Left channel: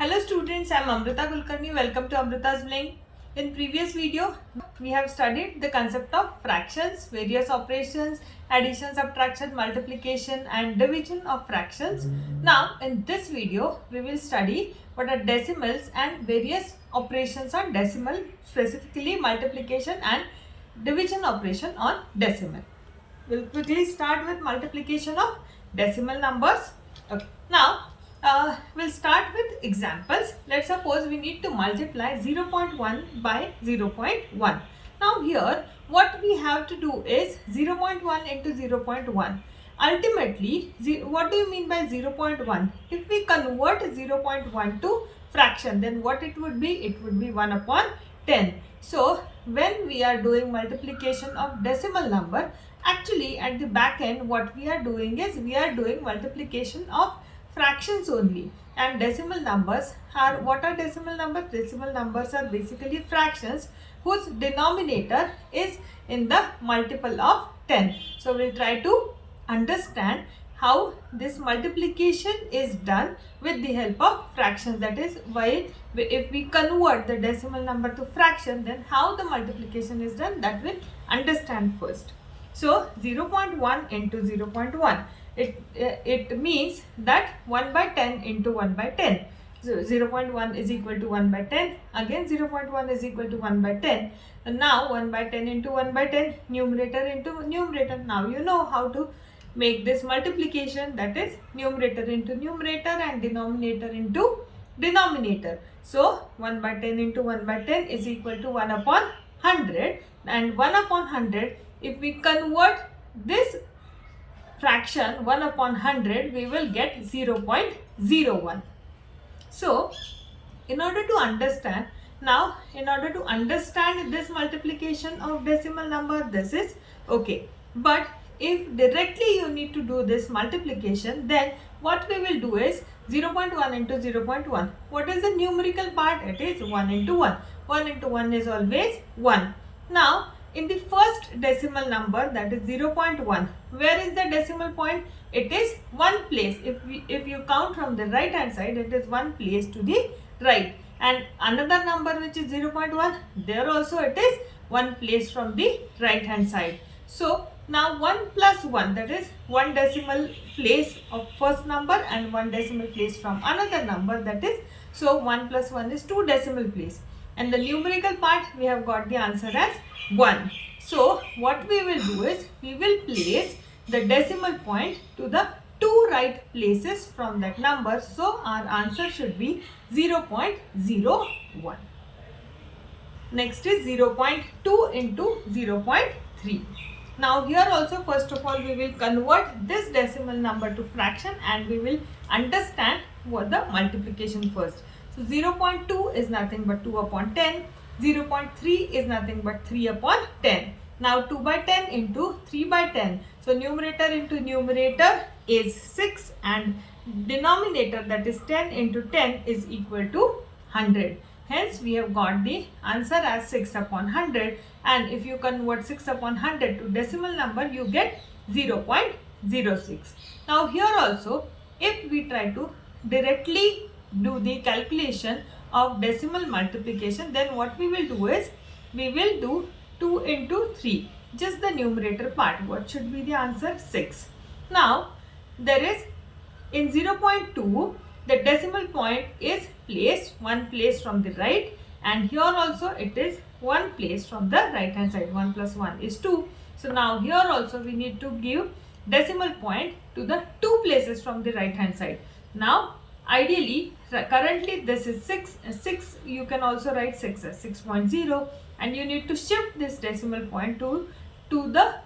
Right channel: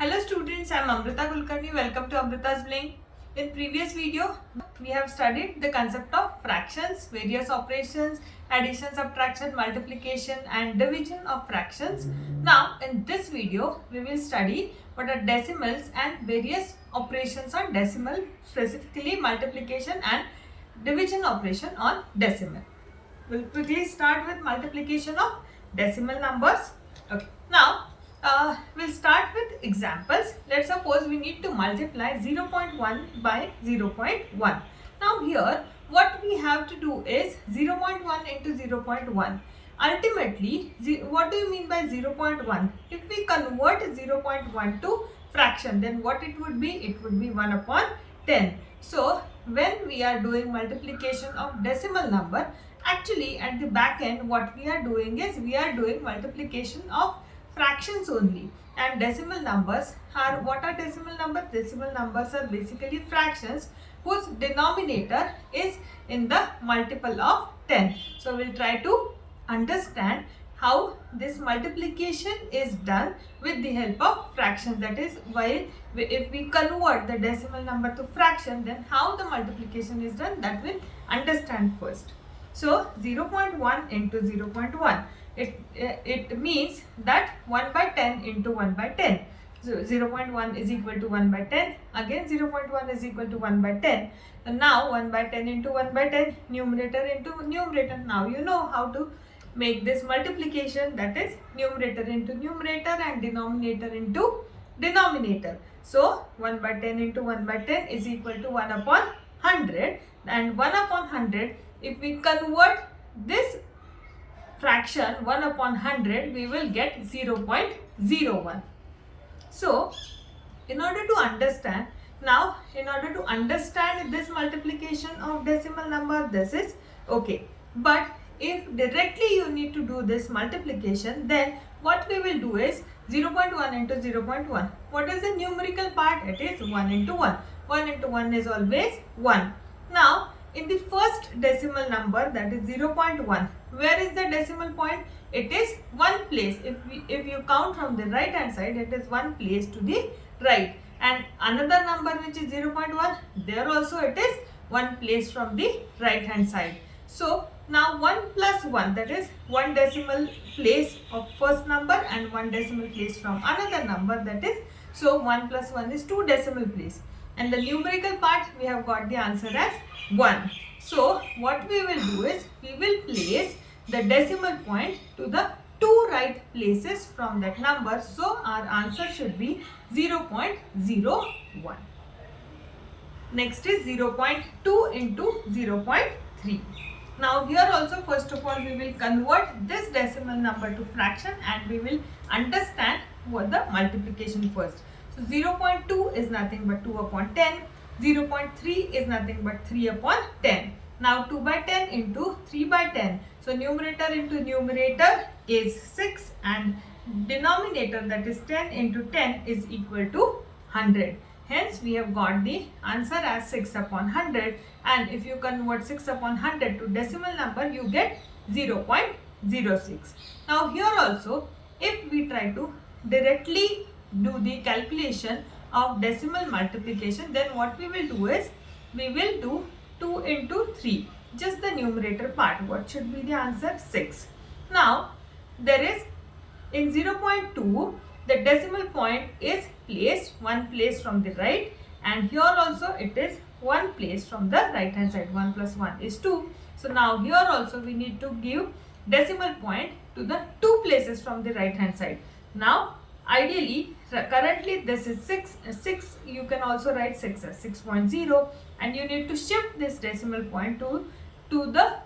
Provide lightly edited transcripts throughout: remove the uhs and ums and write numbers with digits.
Hello students, I am Amrita Kulkarni. Welcome to Amrita's Bling. In previous video, we have studied the concept of fractions, various operations, addition, subtraction, multiplication and division of fractions. Now in this video, we will study what are decimals and various operations on decimal, specifically multiplication and division operation on decimal. We'll quickly start with multiplication of decimal numbers. Okay. Now, we'll start with examples. Let's suppose we need to multiply 0.1 by 0.1. Now here, what we have to do is 0.1 into 0.1. Ultimately, what do you mean by 0.1? If we convert 0.1 to fraction, then what it would be? It would be 1 upon 10. So, when we are doing multiplication of decimal number, actually at the back end what we are doing is we are doing multiplication of fractions only, and decimal numbers are, what are decimal numbers? Decimal numbers are basically fractions whose denominator is in the multiple of 10. So we'll try to understand how this multiplication is done with the help of fractions. That is, while if we convert the decimal number to fraction, then how the multiplication is done, that we'll understand first. So 0.1 into 0.1, it means that 1 by 10 into 1 by 10. So 0.1 is equal to 1 by 10. Again 0.1 is equal to 1 by 10. And now 1 by 10 into 1 by 10, numerator into numerator. Now you know how to make this multiplication, that is numerator into numerator and denominator into denominator. So 1 by 10 into 1 by 10 is equal to 1 upon 100, and 1 upon 100, if we convert this fraction 1 upon 100, we will get 0.01. So in order to understand this multiplication of decimal number, this is okay. But if directly you need to do this multiplication, then what we will do is 0.1 into 0.1. What is the numerical part? It is 1 into 1. 1 into 1 is always 1. Now in the first decimal number, that is 0.1, where is the decimal point? It is one place. If you count from the right hand side, it is one place to the right. And another number which is 0.1, there also it is one place from the right hand side. So now 1 plus 1, that is one decimal place of first number and one decimal place from another number, that is, so 1 plus 1 is 2 decimal place. And the numerical part, we have got the answer as 1. So what we will do is we will place the decimal point to the two right places from that number. So our answer should be 0.01. Next is 0.2 into 0.3. Now here also, first of all, we will convert this decimal number to fraction and we will understand what the multiplication first. So 0.2 is nothing but 2 upon 10. 0.3 is nothing but 3 upon 10. Now 2 by 10 into 3 by 10. So numerator into numerator is 6 and denominator, that is 10 into 10, is equal to 100. Hence we have got the answer as 6 upon 100, and if you convert 6 upon 100 to decimal number, you get 0.06. Now here also, if we try to directly do the calculation of decimal multiplication, then what we will do is we will do 2 into 3, just the numerator part. What should be the answer? 6. Now there is, in 0.2, the decimal point is placed one place from the right, and here also it is one place from the right hand side. 1 plus 1 is 2. So now here also we need to give decimal point to the two places from the right hand side. Now ideally, currently this is 6, you can also write 6 as 6.0, and you need to shift this decimal point to the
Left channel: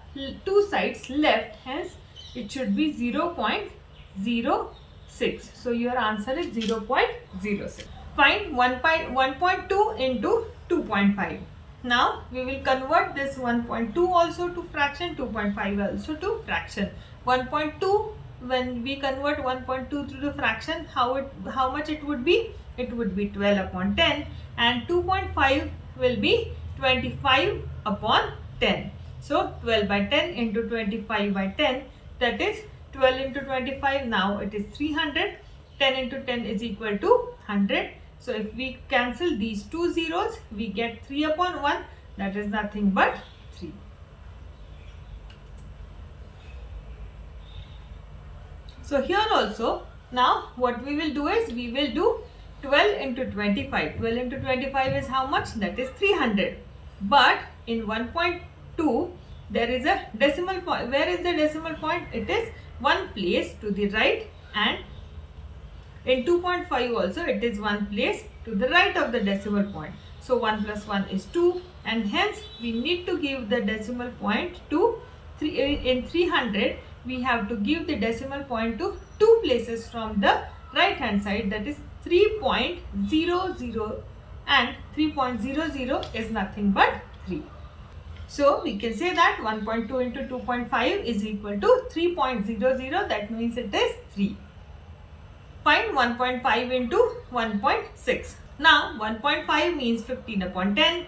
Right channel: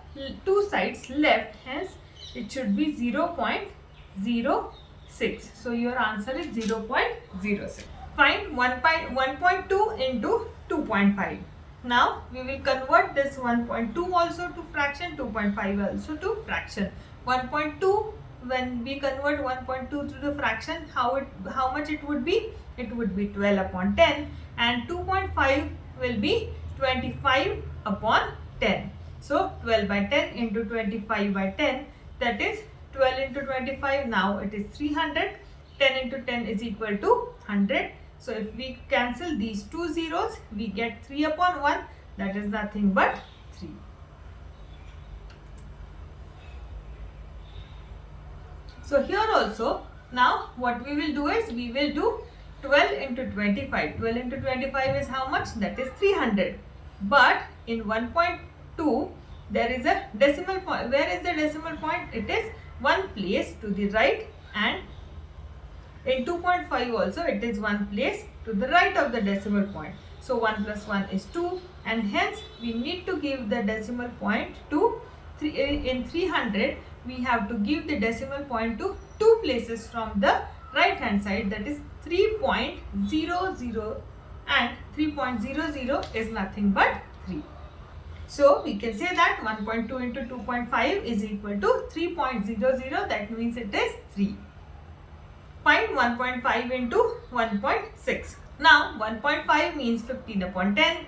two sides left, hence it should be 0.06. So your answer is 0.06. Find 1.2 into 2.5. Now we will convert this 1.2 also to fraction, 2.5 also to fraction. 1.2, when we convert 1.2 to the fraction, how much it would be? It would be 12 upon 10, and 2.5 will be 25 upon 10. So 12 by 10 into 25 by 10, that is 12 into 25, now it is 300. 10 into 10 is equal to 100. So if we cancel these two zeros, we get 3 upon 1, that is nothing but 3. So here also, now what we will do is, we will do 12 into 25. 12 into 25 is how much? That is 300. But in 1.2, there is a decimal point. Where is the decimal point? It is one place to the right, and in 2.5 also it is one place to the right of the decimal point. So 1 plus 1 is 2, and hence we need to give the decimal point to 3. In 300, we have to give the decimal point to 2 places from the right hand side, that is 3.00, and 3.00 is nothing but 3. So we can say that 1.2 into 2.5 is equal to 3.00, that means it is 3. Find 1.5 into 1.6. Now 1.5 means 15 upon 10,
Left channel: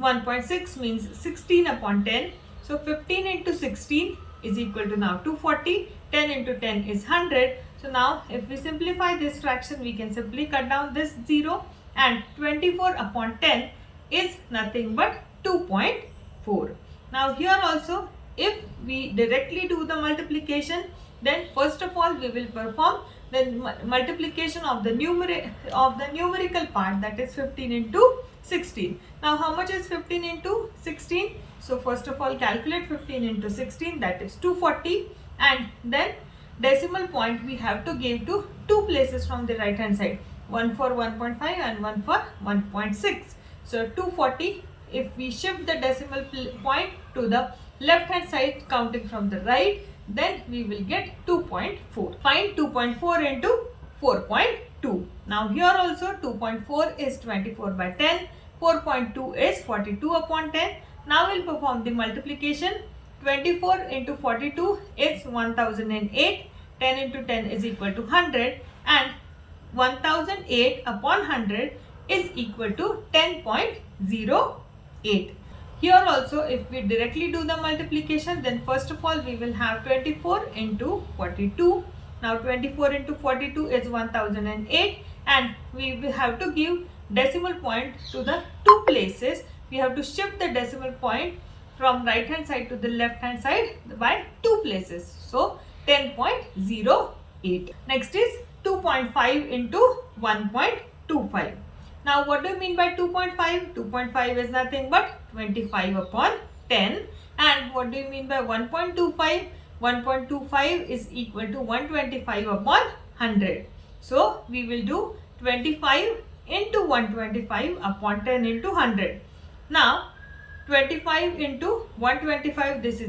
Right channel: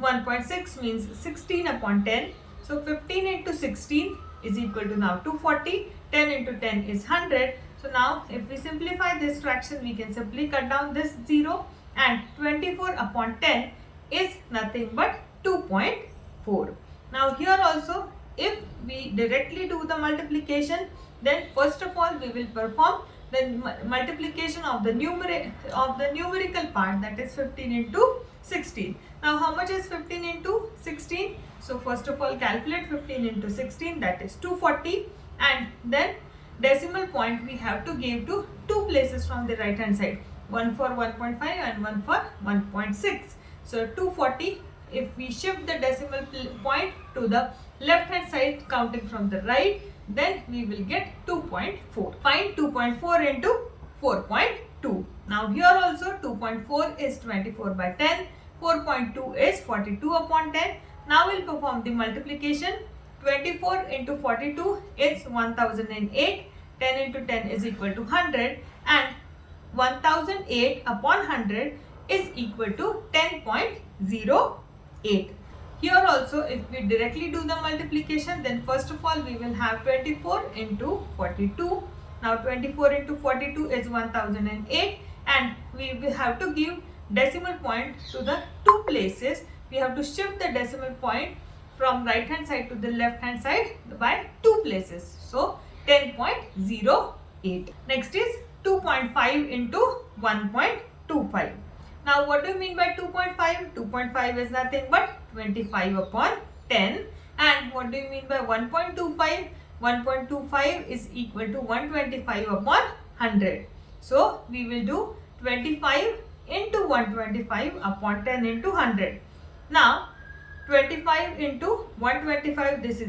1.6 means 16 upon 10. So 15 into 16 is equal to now 240, 10 into 10 is 100. So now if we simplify this fraction, we can simply cut down this 0, and 24 upon 10 is nothing but 2.4. Now here also, if we directly do the multiplication, then first of all we will perform the multiplication of the numerical part, that is 15 into 16. Now how much is 15 into 16? So first of all calculate 15 into 16, that is 240, and then decimal point we have to give to 2 places from the right hand side, one for 1.5 and one for 1.6. So 240, if we shift the decimal point to the left hand side counting from the right, then we will get 2.4. Find 2.4 into 4.2. Now here also 2.4 is 24 by 10, 4.2 is 42 upon 10. Now we'll perform the multiplication. 24 into 42 is 1008, 10 into 10 is equal to 100, and 1008 upon 100 is equal to 10.08. Here also, if we directly do the multiplication, then first of all we will have 24 into 42. Now 24 into 42 is 1008, and we will have to give decimal point to the 2 places. We have to shift the decimal point from right hand side to the left hand side by 2 places. So 10.08. Next is 2.5 into 1.25. Now what do you mean by 2.5? 2.5 is nothing but 25 upon 10. And what do you mean by 1.25? 1.25 is equal to 125 upon 100. So we will do 25 into 125 upon 10 into 100. Now 25 into 125, this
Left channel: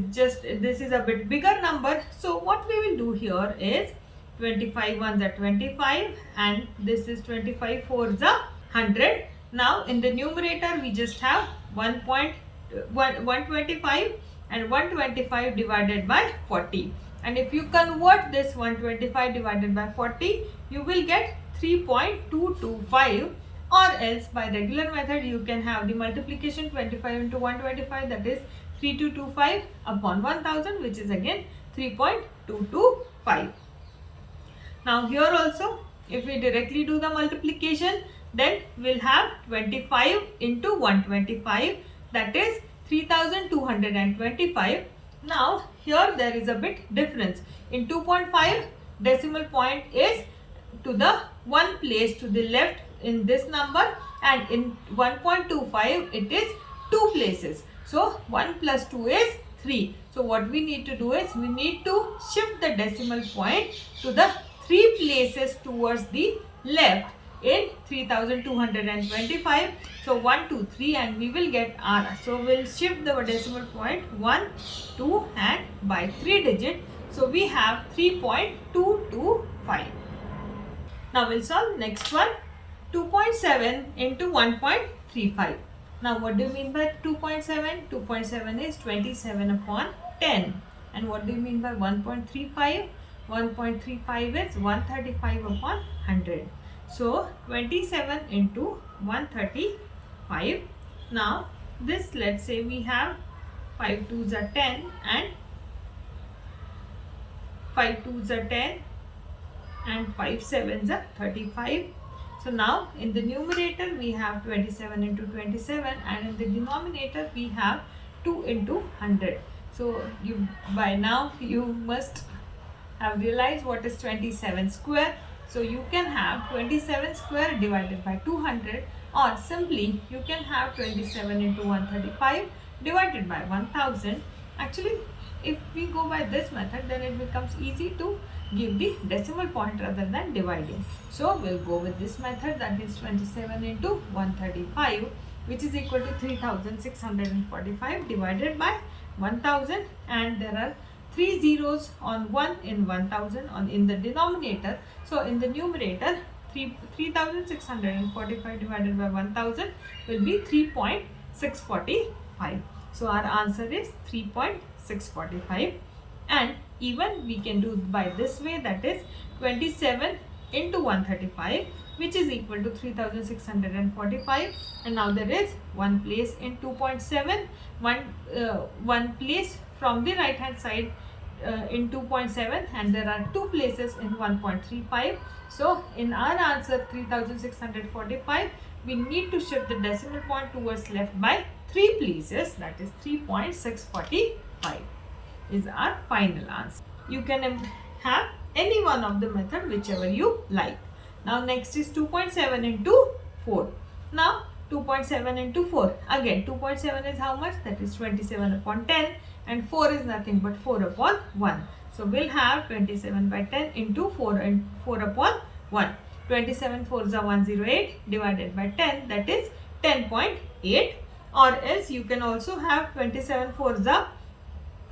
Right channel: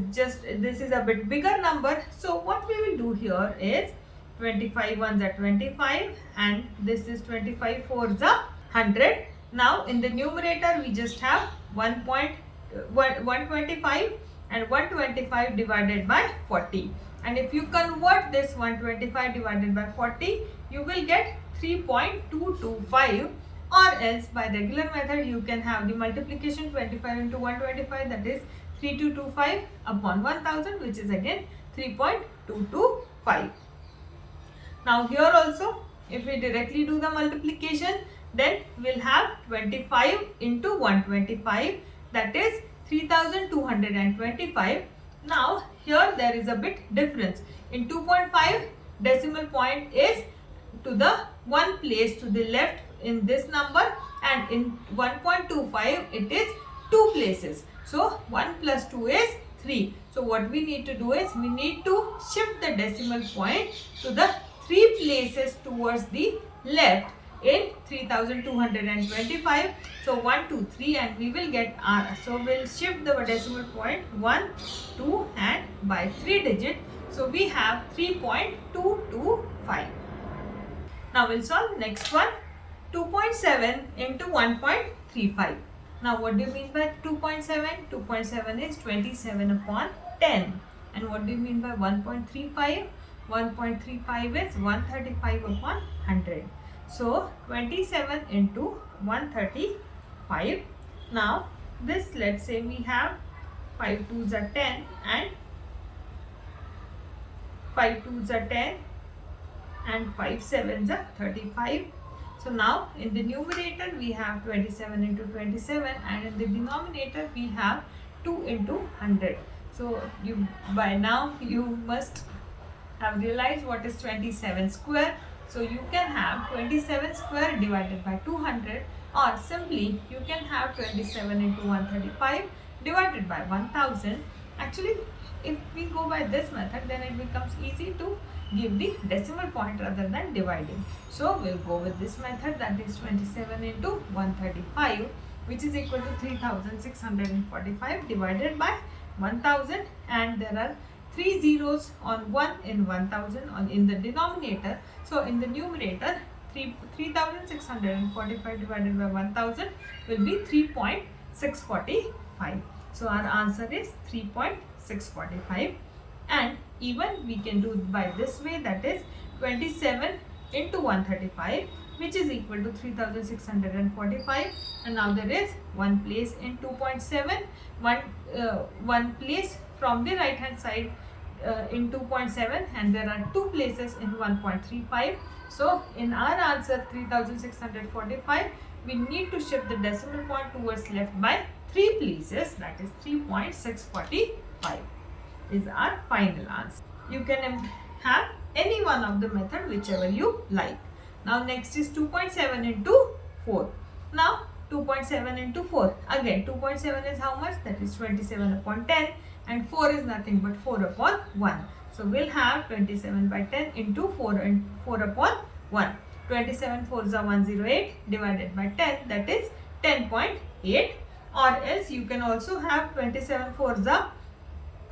is a bit bigger number. So what we will do here is 25 ones are 25, and this is 25 fours are 100. Now in the numerator we just have 125 and 125 divided by 40. And if you convert this 125 divided by 40, you will get 3.225, or else by regular method you can have the multiplication 25 into 125, that is 3225 upon 1000, which is again 3.225. Now here also, if we directly do the multiplication, then we'll have 25 into 125, that is 3225. Now here there is a bit difference. In 2.5, decimal point is to the one place to the left in this number, and in 1.25 it is 2 places. So 1 plus 2 is 3. So what we need to do is, we need to shift the decimal point to the 3 places towards the left in 3225. So 1, 2, 3, and we will get R. So we'll shift the decimal point 1, 2, and by 3 digit. So we have 3.225. Now we'll solve next one. 2.7 into 1.35. Now what do you mean by 2.7? 2.7 is 27 upon 10. And what do you mean by 1.35? 1.35 is 135 upon 100. So 27 into 135. Now this, let's say we have 5 2s are 10 and 5 2s are 10 and 5 sevens are 35. So now in the numerator we have 27 into 27, and in the denominator we have 2 into 100. So by now you must have realized what is 27 square. So you can have 27 square divided by 200, or simply you can have 27 into 135 divided by 1000. Actually, if we go by this method, then it becomes easy to give the decimal point rather than dividing. So we'll go with this method, that is 27 into 135, which is equal to 3645 divided by 1000, and there are 3 zeros on 1 in 1000 in the denominator. So in the numerator, 3645 divided by 1000 will be 3.645. So our answer is 3.645, and even we can do by this way, that is 27 into 135, which is equal to 3645, and now there is one place in 2.7, one place from the right hand side in 2.7, and there are two places in 1.35. So in our answer 3645, we need to shift the decimal point towards left by 3 places, that is 3.645 is our final answer. You can have any one of the method, whichever you like. Now next is 2.7 into 4. Now 2.7 into 4, again 2.7 is how much? That is 27 upon 10, and 4 is nothing but 4 upon 1. So we'll have 27 by 10 into 4 and 4 upon 1. 27 4s are 108 divided by 10, that is 10.8, or else you can also have 27 4s are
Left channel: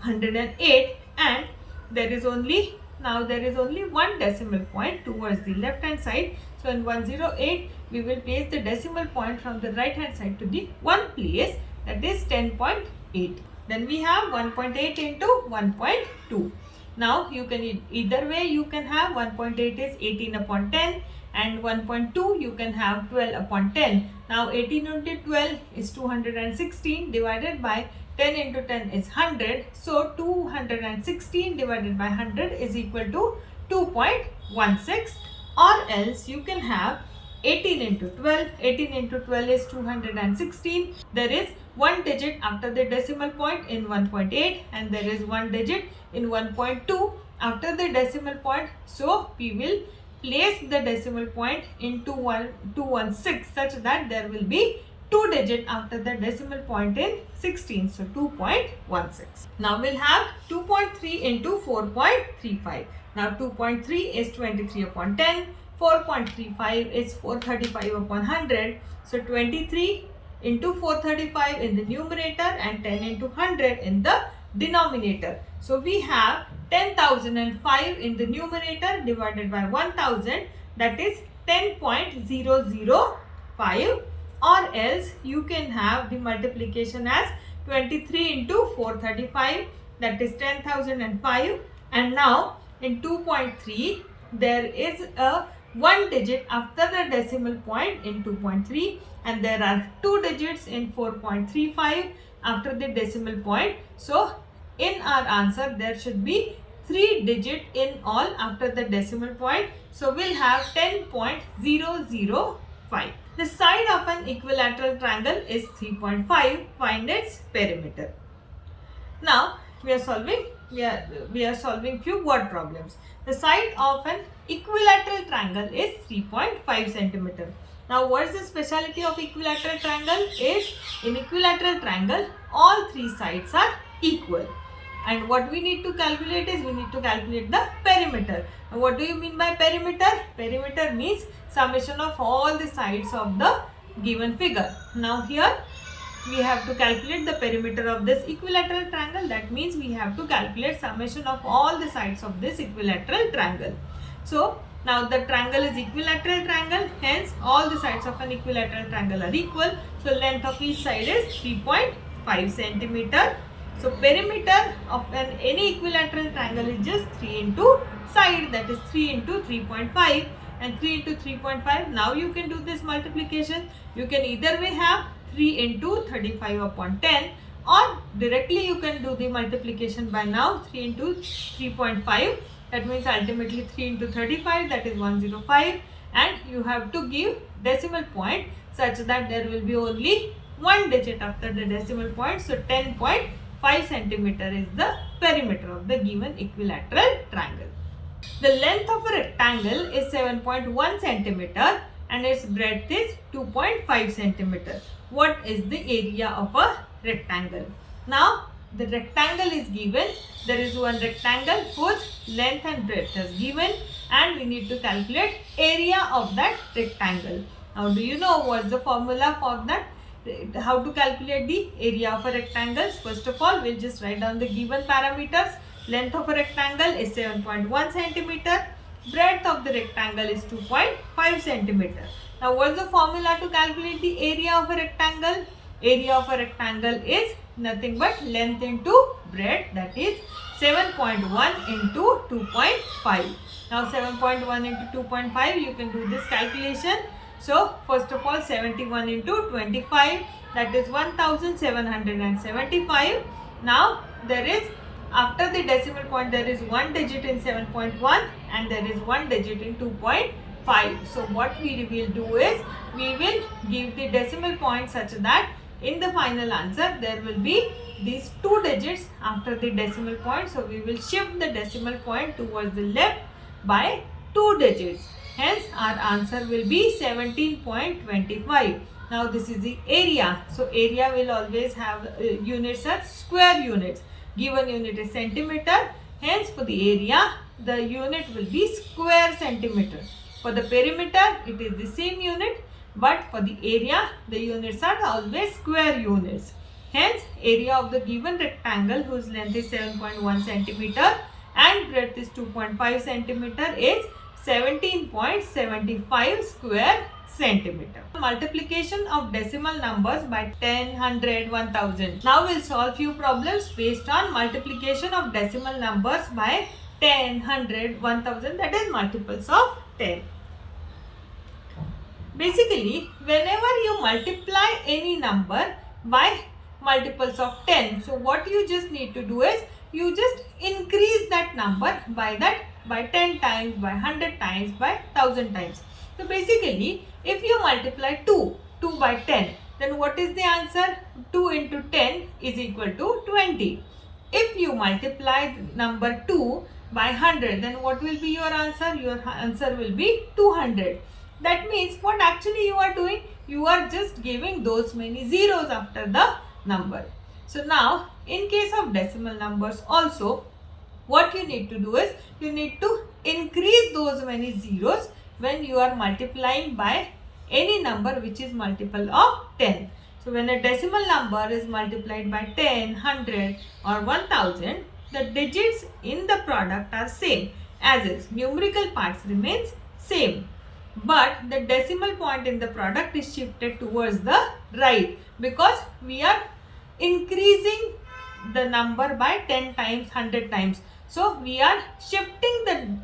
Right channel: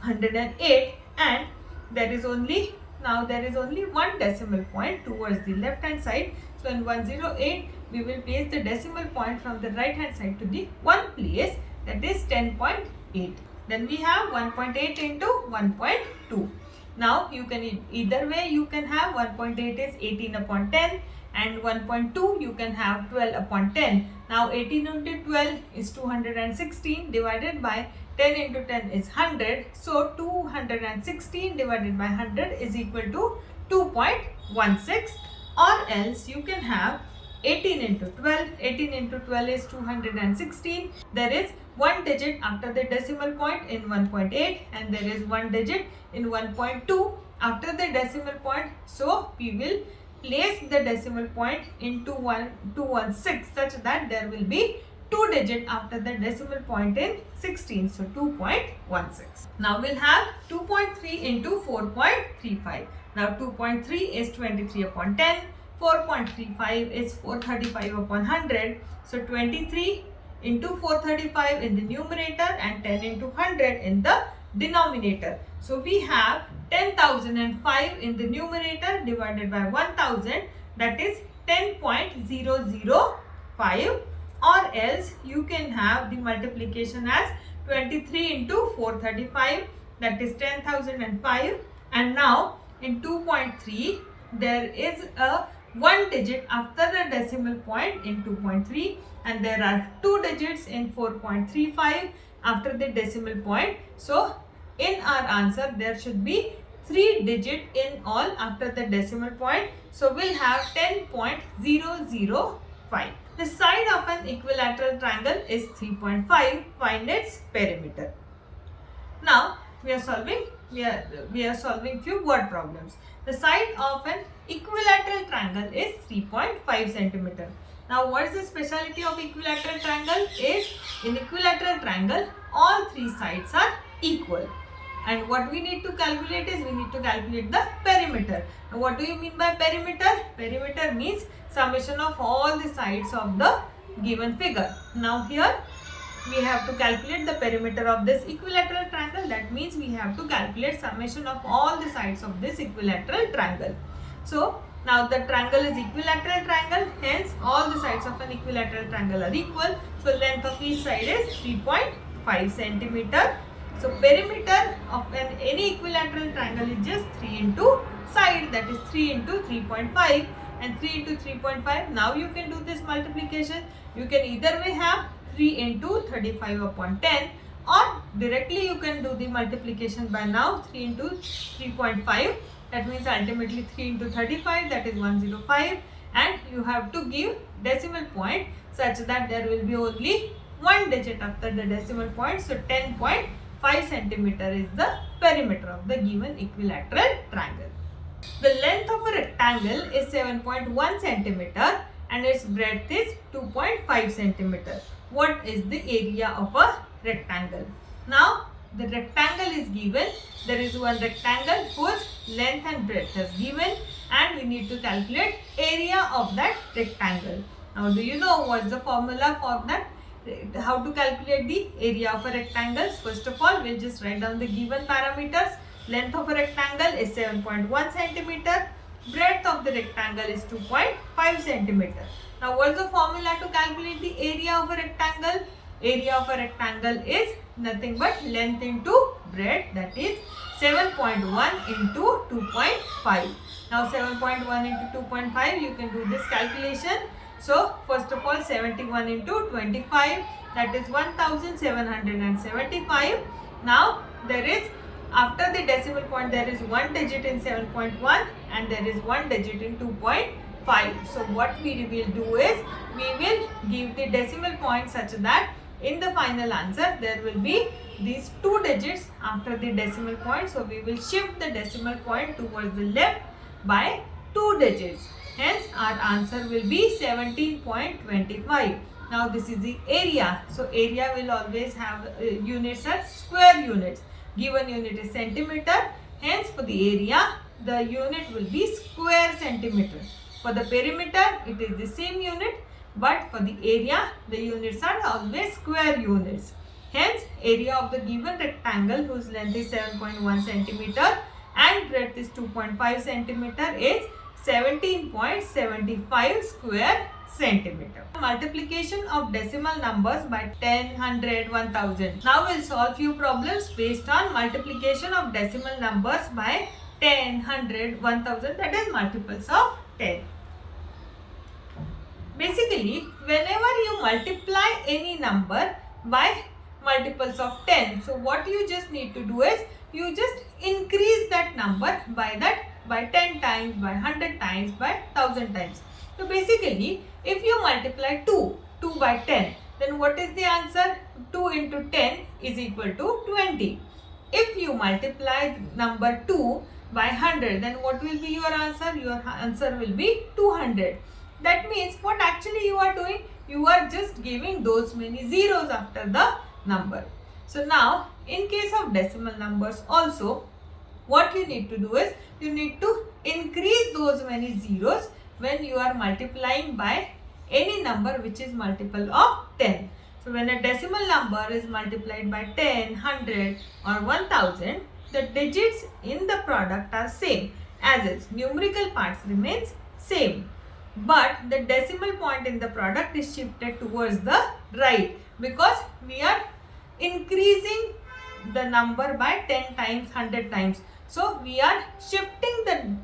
108, and there is only one decimal point towards the left hand side. So in 108 we will place the decimal point from the right hand side to the one place, that is 10.8. Then we have 1.8 into 1.2. Now you can either way you can have 1.8 is 18 upon 10, and 1.2 you can have 12 upon 10. Now 18 into 12 is 216 divided by 10 into 10 is 100. So 216 divided by 100 is equal to 2.16, or else you can have 18 into 12. 18 into 12 is 216. There is one digit after the decimal point in 1.8, and there is one digit in 1.2 after the decimal point. So we will place the decimal point into 216 such that there will be 2 digit after the decimal point in 16. So 2.16. Now we'll have 2.3 into 4.35. Now 2.3 is 23 upon 10. 4.35 is 435 upon 100. So 23 into 435 in the numerator and 10 into 100 in the denominator. So we have 10,005 in the numerator divided by 1000, that is 10.005, or else you can have the multiplication as 23 into 435, that is 10,005, and now in 2.3 there is a one digit after the decimal point in 2.3, and there are two digits in 4.35 after the decimal point. So in our answer there should be 3 digit in all after the decimal point. So we'll have 10.005. The side of an equilateral triangle is 3.5. Find its perimeter. Now we are solving few word problems. The side of an equilateral triangle is 3.5 centimeter. Now what is the speciality of equilateral triangle? Is in equilateral triangle all three sides are equal. And what we need to calculate is we need to calculate the perimeter. Now what do you mean by perimeter? Perimeter means summation of all the sides of the given figure. Now here we have to calculate the perimeter of this equilateral triangle. That means we have to calculate summation of all the sides of this equilateral triangle. So now the triangle is equilateral triangle, hence all the sides of an equilateral triangle are equal. So length of each side is 3.5 centimeter. So perimeter of any equilateral triangle is just 3 into side, that is 3 into 3.5, and 3 into 3.5. Now you can do this multiplication. You can either way have 3 into 35 upon 10, or directly you can do the multiplication by now. 3 into 3.5, That means ultimately 3 into 35, that is 105, and you have to give decimal point such that there will be only one digit after the decimal point. So 10.5 centimeter is the perimeter of the given equilateral triangle. The length of a rectangle is 7.1 centimeter and its breadth is 2.5 centimeter. What is the area of a rectangle? Now the rectangle is given. There is one rectangle whose length and breadth is given, and we need to calculate area of that rectangle. Now do you know what is the formula for that? How to calculate the area of a rectangle? First of all, we'll just write down the given parameters. Length of a rectangle is 7.1 centimeter. Breadth of the rectangle is 2.5 centimeter. Now what is the formula to calculate the area of a rectangle? Area of a rectangle is nothing but length into breadth, that is 7.1 into 2.5. Now 7.1 into 2.5, you can do this calculation. So first of all, 71 into 25, that is 1775. Now there is, after the decimal point, there is one digit in 7.1 and there is one digit in 2.5. So what we will do is, we will give the decimal point such that in the final answer there will be these two digits after the decimal point. So we will shift the decimal point towards the left by 2 digits. Hence our answer will be 17.25. Now this is the area. So area will always have units as square units. Given unit is centimeter. Hence for the area, the unit will be square centimeter. For the perimeter, it is the same unit. But for the area, the units are always square units. Hence area of the given rectangle whose length is 7.1 centimeter and breadth is 2.5 centimeter is 17.75 square centimeter. Multiplication of decimal numbers by 10, 100, 1000. Now we'll solve few problems based on multiplication of decimal numbers by 10, 100, 1000, that is multiples of 10. Basically, whenever you multiply any number by multiples of 10, so what you just need to do is, you just increase that number by 10 times, by 100 times, by 1000 times. So basically, if you multiply 2 by 10, then what is the answer? 2 into 10 is equal to 20. If you multiply number 2 by 100, then what will be your answer? Your answer will be 200. That means what actually you are doing? You are just giving those many zeros after the number. So now, in case of decimal numbers also, what you need to do is, you need to increase those many zeros when you are multiplying by any number which is multiple of 10. So when a decimal number is multiplied by 10, 100 or 1000, the digits in the product are same, as its numerical parts remains same. But the decimal point in the product is shifted towards the right, because we are increasing the number by 10 times, 100 times. So we are shifting the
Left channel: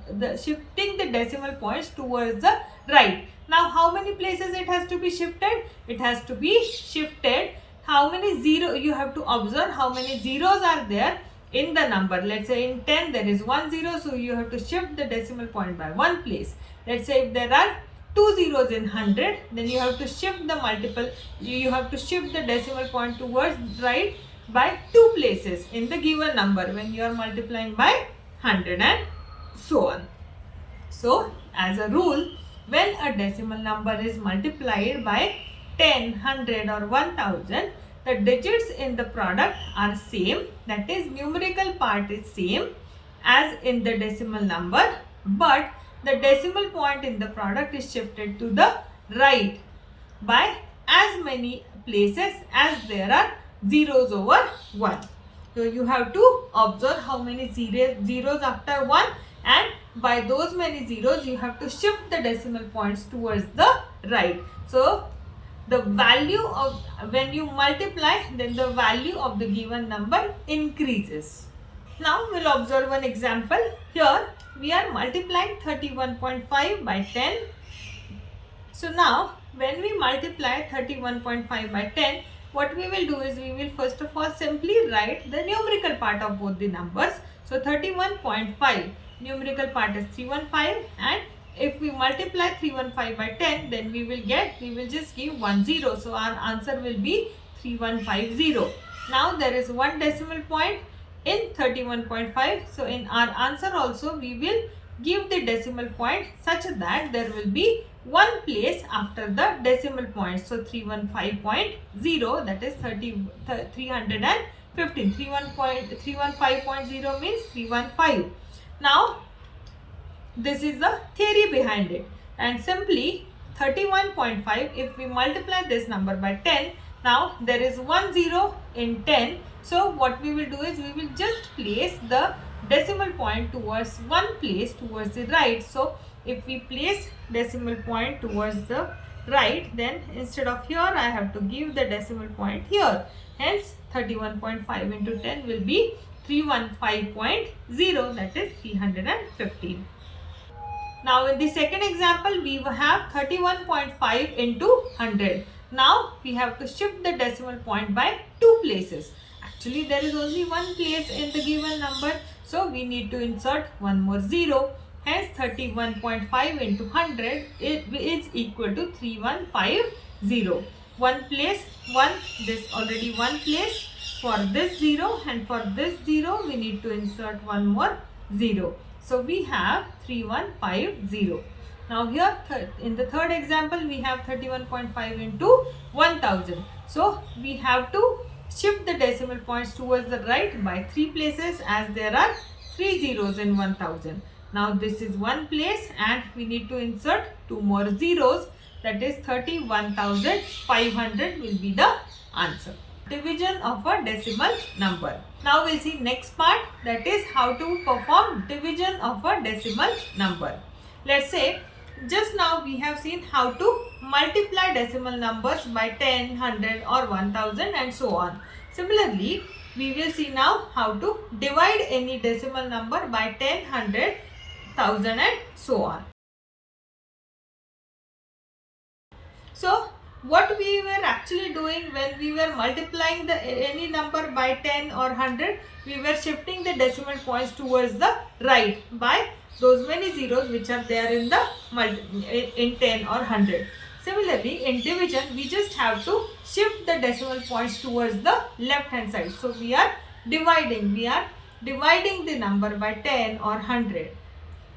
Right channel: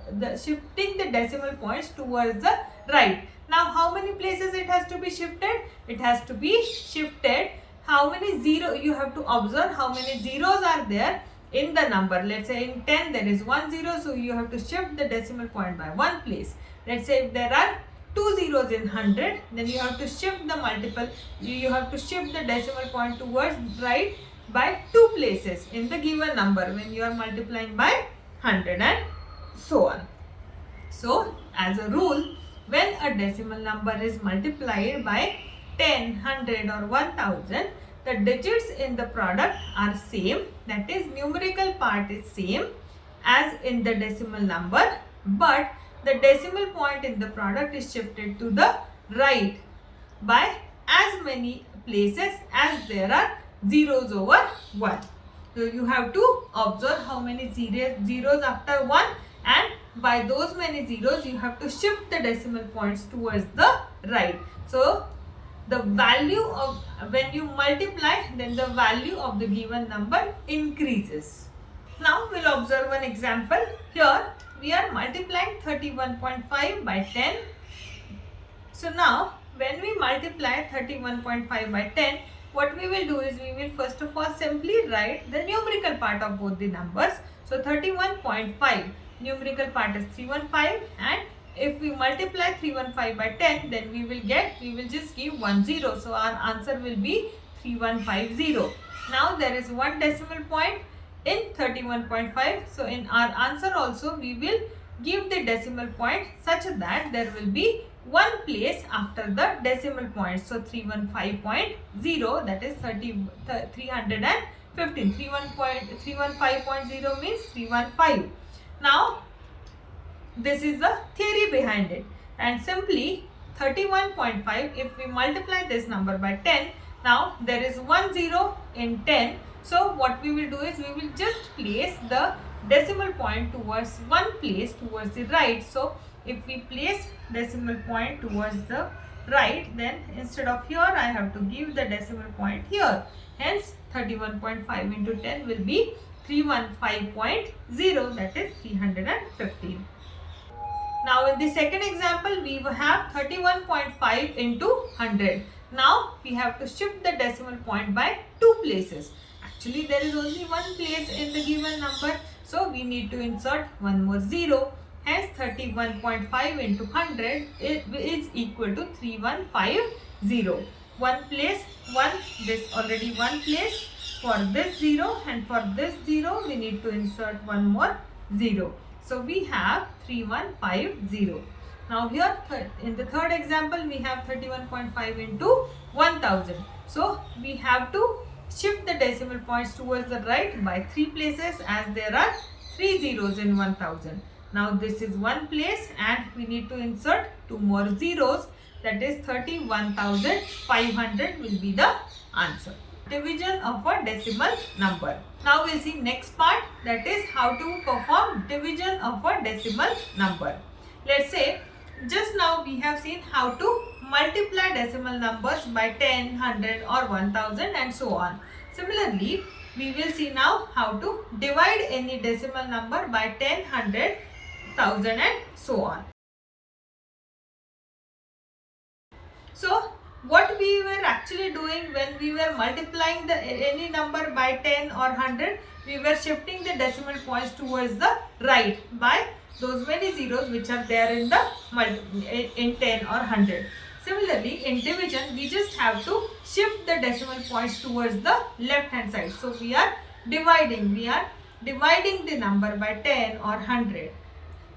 decimal points towards the right. Now how many places it has to be shifted? It has to be shifted. How many zero? You have to observe how many zeros are there in the number. Let's say in 10 there is 1 0, so you have to shift the decimal point by 1 place. Let's say if there are 2 zeros in 100, then you have to shift the decimal point towards right by 2 places in the given number when you are multiplying by 100 and so on. So as a rule, when a decimal number is multiplied by 10, 100 or 1000, the digits in the product are same, that is numerical part is same as in the decimal number, but the decimal point in the product is shifted to the right by as many places as there are zeros over 1. So you have to observe how many zeros after 1, and by those many zeros you have to shift the decimal points towards the right. So the value of, when you multiply, then the value of the given number increases. Now we'll observe one example. Here we are multiplying 31.5 by 10. So now when we multiply 31.5 by 10, what we will do is, we will first of all simply write the numerical part of both the numbers. So 31.5, numerical part is 315, and if we multiply 315 by 10, then we will just give 10. So our answer will be 3150. Now there is one decimal point in 31.5. So in our answer also we will give the decimal point such that there will be one place after the decimal point. So 315.0, that is 315. 315.0 means 315. Now this is the theory behind it, and simply 31.5, if we multiply this number by 10, now there is 10 in 10. So what we will do is we will just place the decimal point towards one place towards the right. So if we place decimal point towards the right, then instead of here I have to give the decimal point here. Hence 31.5 into 10 will be 315.0, that is 315. Now in the second example we have 31.5 into 100. Now we have to shift the decimal point by 2 places. Actually there is only one place in the given number, so we need to insert one more 0. Hence 31.5 into 100 is equal to 3150. One place, this already one place for this 0, and for this 0 we need to insert one more 0. So we have 3150. Now here in the third example we have 31.5 into 1000. So we have to shift the decimal points towards the right by 3 places, as there are 3 zeros in 1000. Now this is one place and we need to insert 2 more zeros, that is 31,500 will be the answer. Division of a decimal number. Now we'll see next part, that is how to perform division of a decimal number. Let's say just now we have seen how to multiply decimal numbers by 10, 100 or 1000 and so on. Similarly, we will see now how to divide any decimal number by 10, 100, 1000 and so on. So what we were actually doing when we were multiplying any number by 10 or 100, we were shifting the decimal points towards the right by those many zeros which are there in 10 or 100. Similarly, in division we just have to shift the decimal points towards the left hand side. So we are dividing the number by 10 or 100.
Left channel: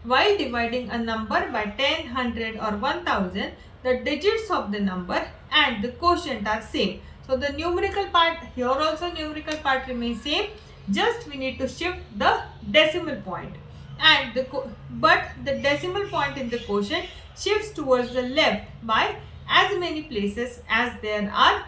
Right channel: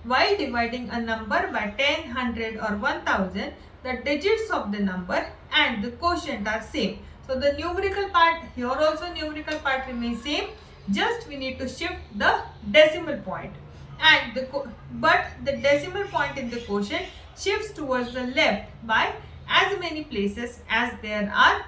While dividing a number by 10, 100 or 1000, the digits of the number and the quotient are same. So the numerical part, here also numerical part remains same, just we need to shift the decimal point. And but the decimal point in the quotient shifts towards the left by as many places as there are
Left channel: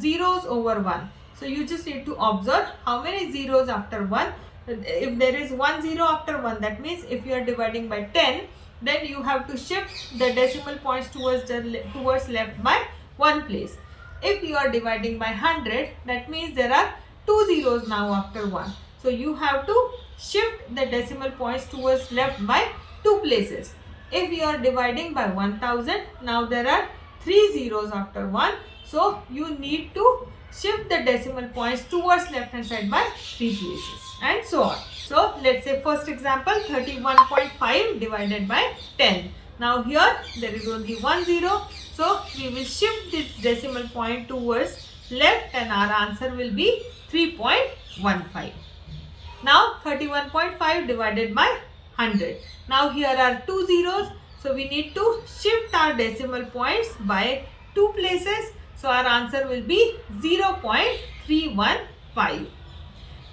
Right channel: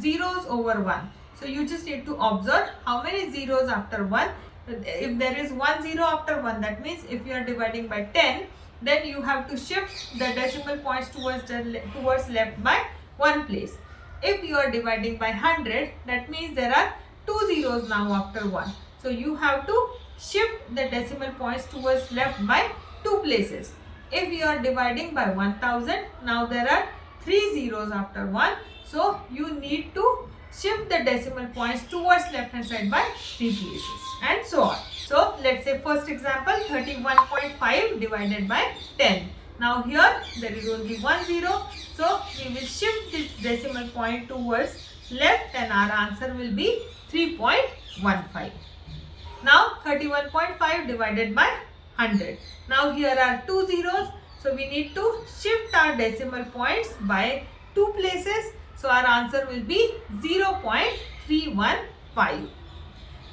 zeros over 1. So you just need to observe how many zeros after 1. If there is 1 0 after 1, that means if you are dividing by 10, then you have to shift the decimal points towards left by 1 place. If you are dividing by 100, that means there are 2 zeros now after 1. So you have to shift the decimal points towards left by 2 places. If you are dividing by 1000, now there are 3 zeros after 1. So you need to shift the decimal points towards left hand side by 3 places and so on. So let's say first example, 31.5 divided by 10. Now here there is only 1 0. So we will shift this decimal point towards left and our answer will be 3.15. Now 31.5 divided by 100. Now here are 2 zeros. So we need to shift our decimal points by 2 places. So our answer will be 0.315.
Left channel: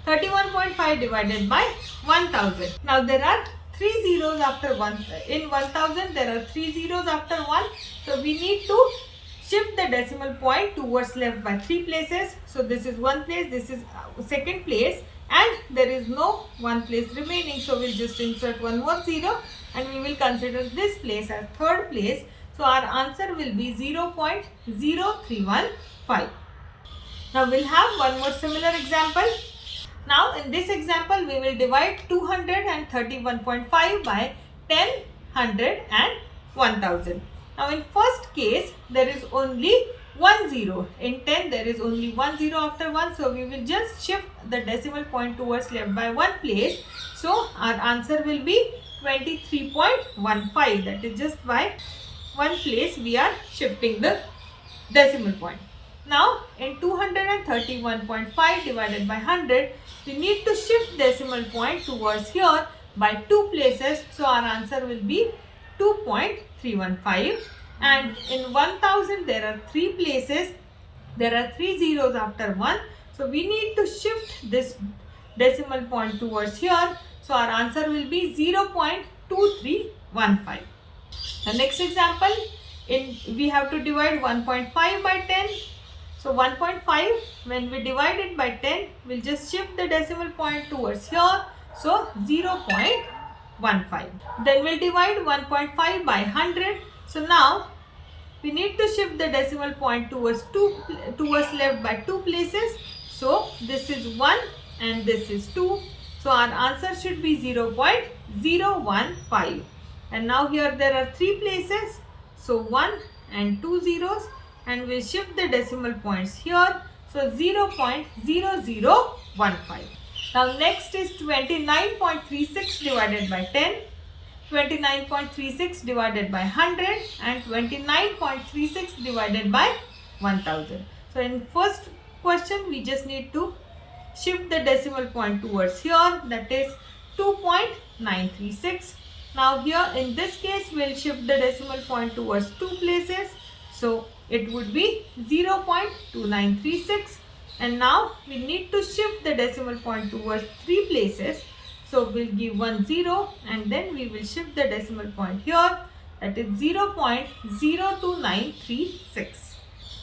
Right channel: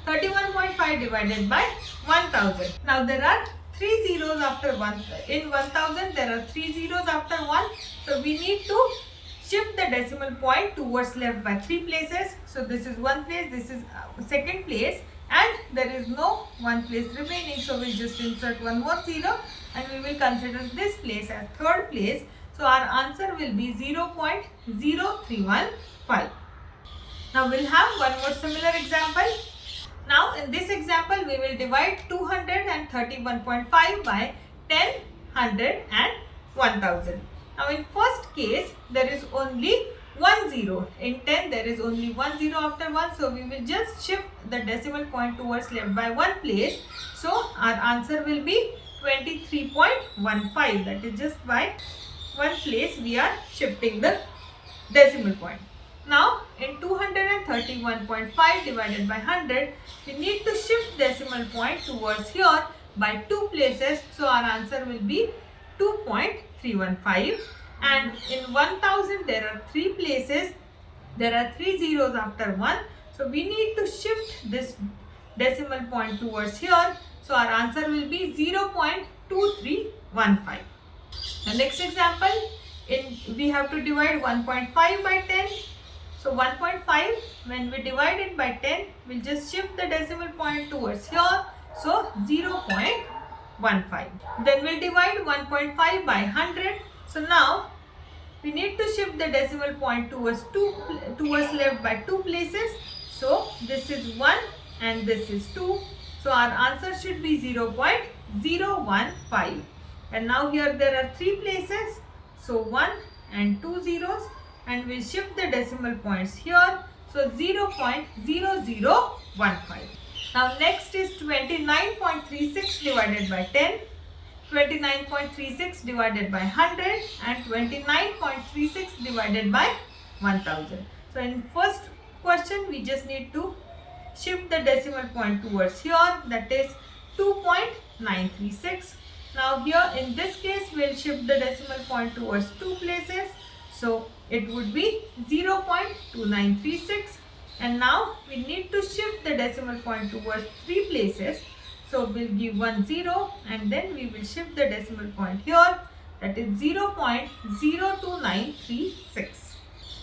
31.5 divided by 1000. Now there are 3 zeros after 1. In 1000 there are 3 zeros after 1. So we need to shift the decimal point towards left by 3 places. So this is one place, this is second place, and there is no one place remaining. So we'll just insert one more 0 and we will consider this place as third place. So our answer will be 0.0315. Now we'll have one more similar example. Now in this example we will divide 231.5 by 10, 100 and 1000. Now in first case there is only 1 0. In 10 there is only 1 0 after 1, so we will just shift the decimal point towards left by one place. So our answer will be 23.15. That is just by one place we are shifting the decimal point. Now in 231.5 divided by 100, we need to shift decimal point towards here by two places. So our answer will be 2.315. And in 1000 there are three places. There are three zeros after 1. So we need to shift this decimal point towards here. So our answer will be 0.2315. The next example, we have to divide 1.5 by 10. So 1.5, when we divide it by 10, we'll just shift the decimal point towards here. So 0.15. Then we'll divide 1.5 by 100. So now we need to shift the decimal point towards left by two places. So this is 1 and this is 2. So our answer should be 0.015. And now here there are three places. So 1 and 2 zeros, and we'll shift the decimal points here. So 0.0015. Now next is 29.36 divided by 10. 29.36 divided by 100 and 29.36 divided by 1000. So in first question we just need to shift the decimal point towards here, that is 2.936. Now here in this case we'll shift the decimal point towards two places. So it would be 0.2936, and now we need to shift the decimal point towards three places. So we'll give 1 0 and then we will shift the decimal point here, that is 0.02936.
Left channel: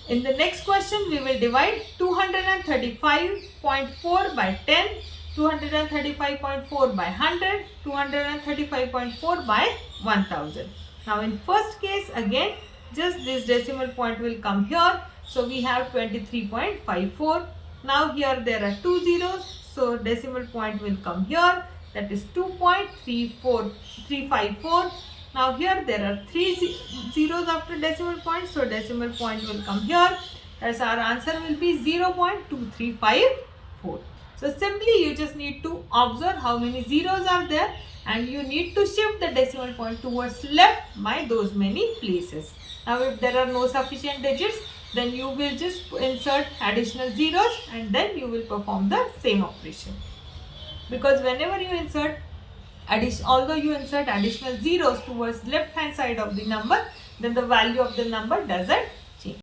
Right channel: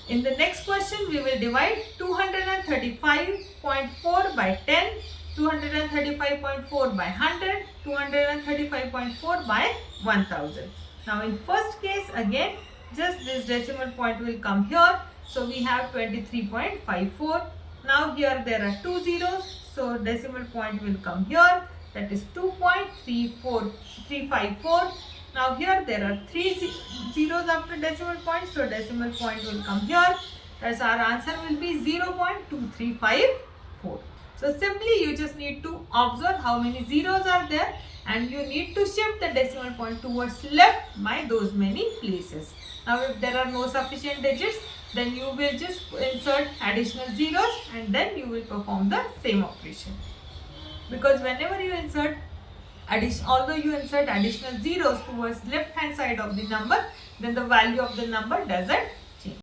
In the next question we will divide 235.4 by 10, 235.4 by 100, 235.4 by 1000. Now in first case again just this decimal point will come here. So we have 23.54. Now here there are two zeros. So decimal point will come here, that is 2.354. Now here there are three zeros after decimal point. So decimal point will come here. Thus our answer will be 0.2354. So simply you just need to observe how many zeros are there, and you need to shift the decimal point towards left by those many places. Now if there are no sufficient digits, then you will just insert additional zeros and then you will perform the same operation. Because whenever you insert although you insert additional zeros towards left hand side of the number, then the value of the number doesn't change.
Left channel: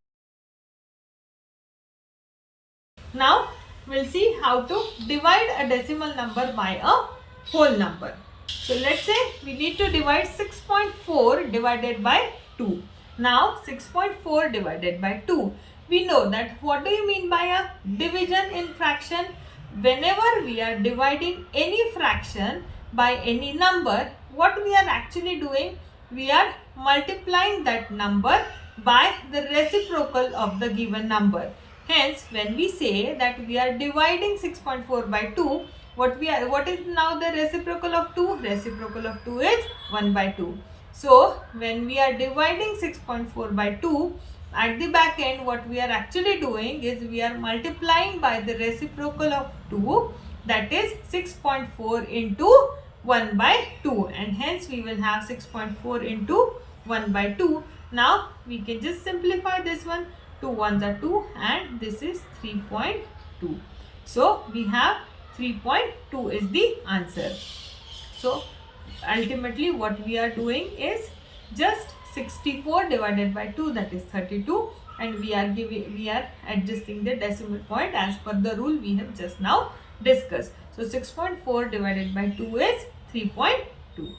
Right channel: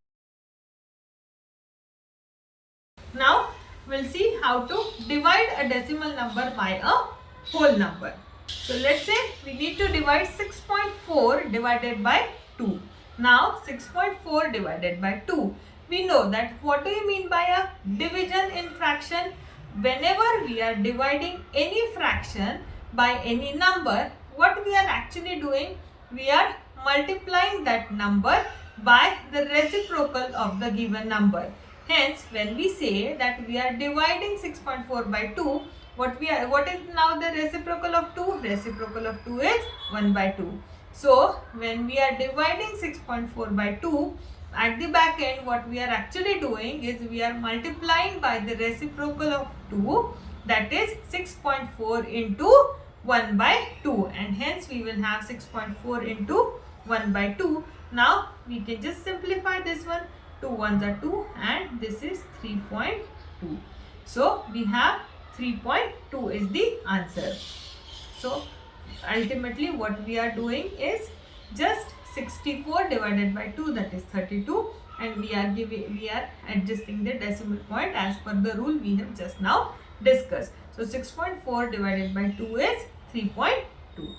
Now we'll see how to divide a decimal number by a whole number. So let's say we need to divide 6.4 divided by 2. Now 6.4 divided by 2. We know that what do you mean by a division in fraction? Whenever we are dividing any fraction by any number, what we are actually doing? We are multiplying that number by the reciprocal of the given number. Hence, when we say that we are dividing 6.4 by 2, what is now the reciprocal of 2? Reciprocal of 2 is 1 by 2. So, when we are dividing 6.4 by 2, at the back end what we are actually doing is we are multiplying by the reciprocal of 2, that is 6.4 into 1 by 2, and hence we will have 6.4 into 1 by 2. Now, we can just simplify this one. 2 ones are 2 and this is 3.2. So we have 3.2 is the answer. So ultimately what we are doing is just 64 divided by 2, that is 32, and we are adjusting the decimal point as per the rule we have just now discussed. So 6.4 divided by 2 is 3.2.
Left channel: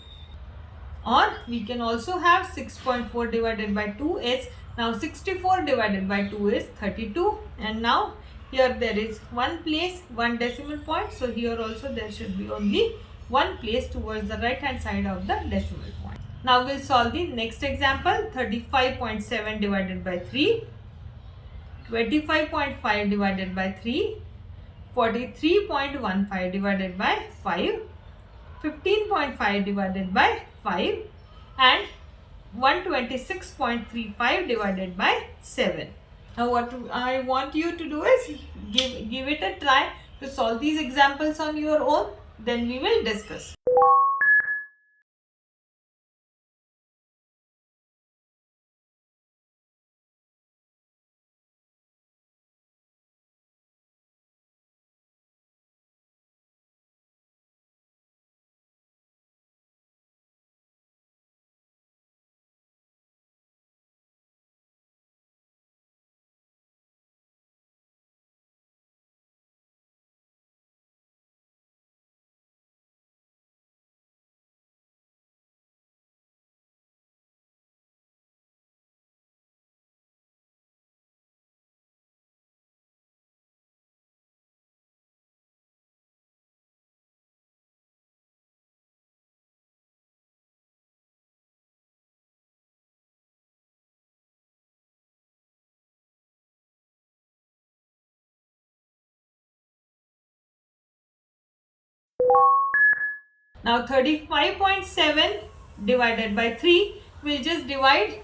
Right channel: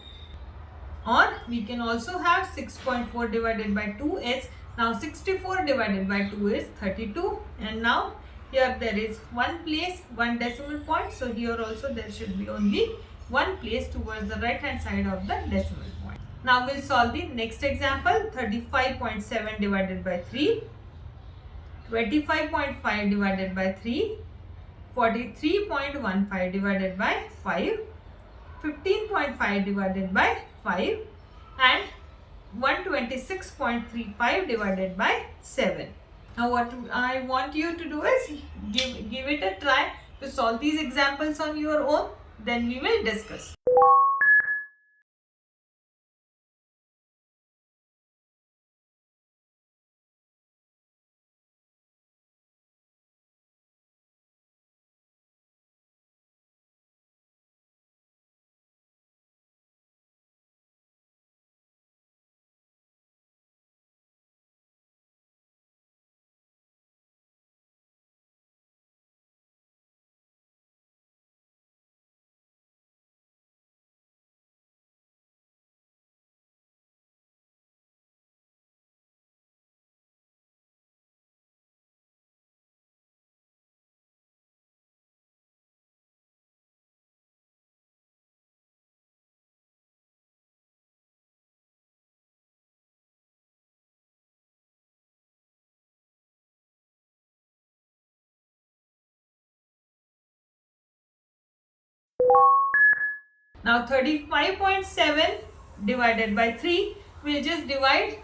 Or we can also have 6.4 divided by 2 is now 64 divided by 2 is 32, and now here there is one place, one decimal point. So here also there should be only one place towards the right hand side of the decimal point. Now we'll solve the next example. 35.7 divided by 3, 25.5 divided by 3, 43.15 divided by 5, 15.5 divided by 5, and 126.35 divided by 7. Now what I want you to do is give it a try to solve these examples on your own. Then we will discuss. Now 35.7 divided by 3, we'll just divide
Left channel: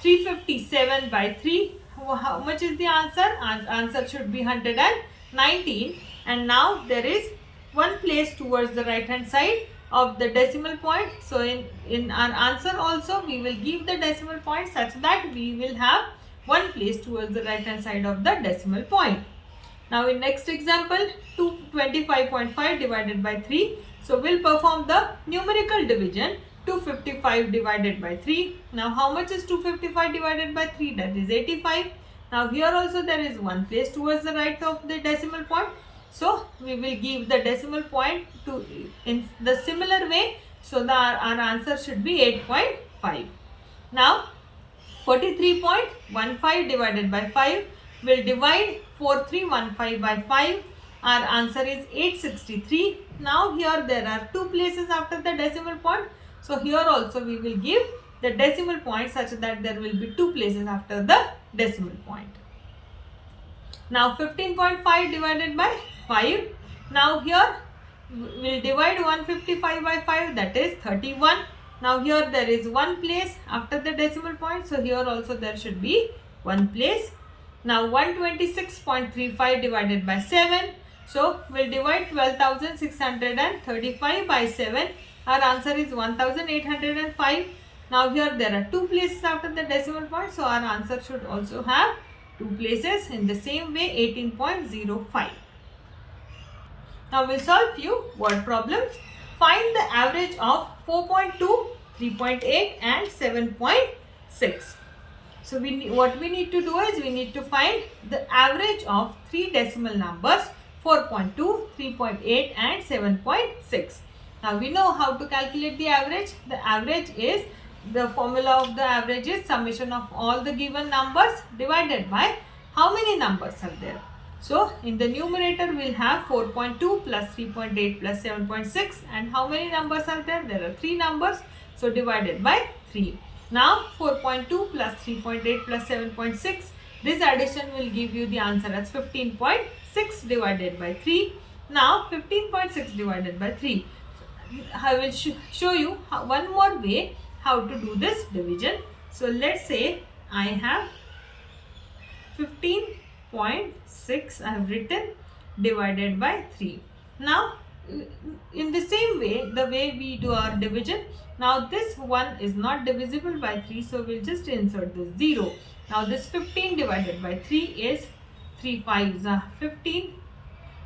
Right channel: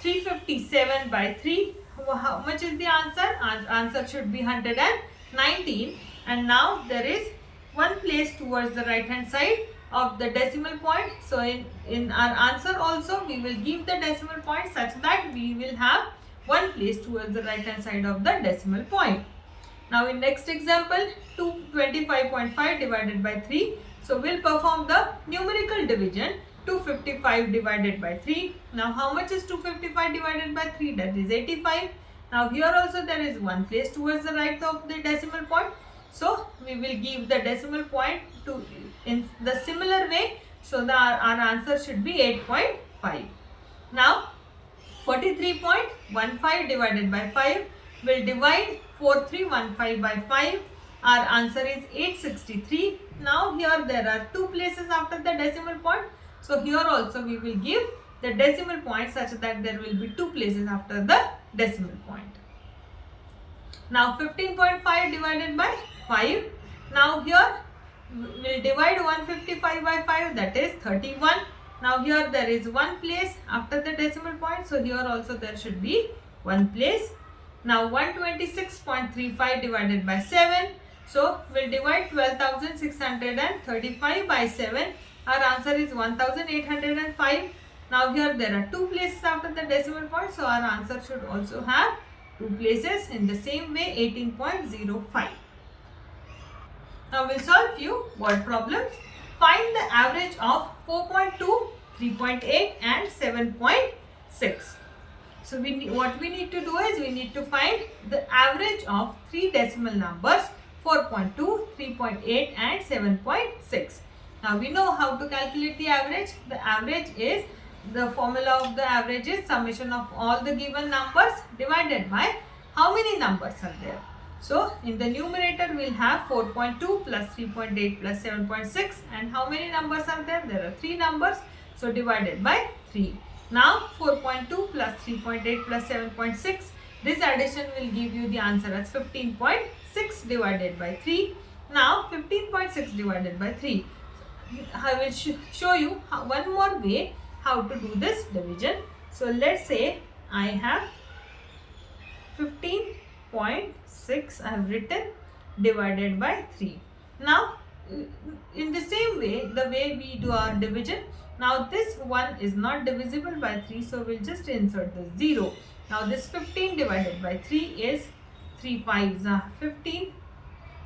357 by 3. How much is the answer? Answer should be 119. And now there is one place towards the right hand side of the decimal point. So in our answer also we will give the decimal point such that we will have one place towards the right hand side of the decimal point. Now in next example, 225.5 divided by 3. So we'll perform the numerical division. 255 divided by 3. Now how much is 255 divided by 3? That is 85. Now here also there is one place towards the right of the decimal point. So we will give the decimal point to in the similar way. So our answer should be 8.5. Now 43.15 divided by 5. We'll divide 4315 by 5. Our answer is 863. Now here there are two places after the decimal point. So here also we will give the decimal point such that there will be two places after the decimal point. Now 15.5 divided by 5. Now here we will divide 155 by 5, that is 31. Now here there is one place after the decimal point. So here also there should be one place. Now 126.35 divided by 7. So we'll divide 12,635 by 7. Our answer is 1,805. Now here there are two places after the decimal point. So our answer should also have two places in the same way, 18.05. Now we'll solve few word problems. Find the average of 4.2, 3.8 and 7.6. So what we need to do is we need to find the average of three decimal numbers, 4.2, 3.8 and 7.6. Now we know how to calculate the average. The average is, the formula of the average is summation of all the given numbers divided by how many numbers are there. So in the numerator we'll have 4.2 plus 3.8 plus 7.6, and how many numbers are there? There are three numbers. So divided by 3. Now 4.2 plus 3.8 plus 7.6, this addition will give you the answer as 15.6 divided by 3. Now 15.6 divided by 3. I will show you one more way how to do this division. So let's say I have 15.6 I have written divided by 3. Now in the same way, the way we do our division, now this one is not divisible by 3, so we'll just insert the 0. Now this 15 divided by 3 is 3 5s are 15.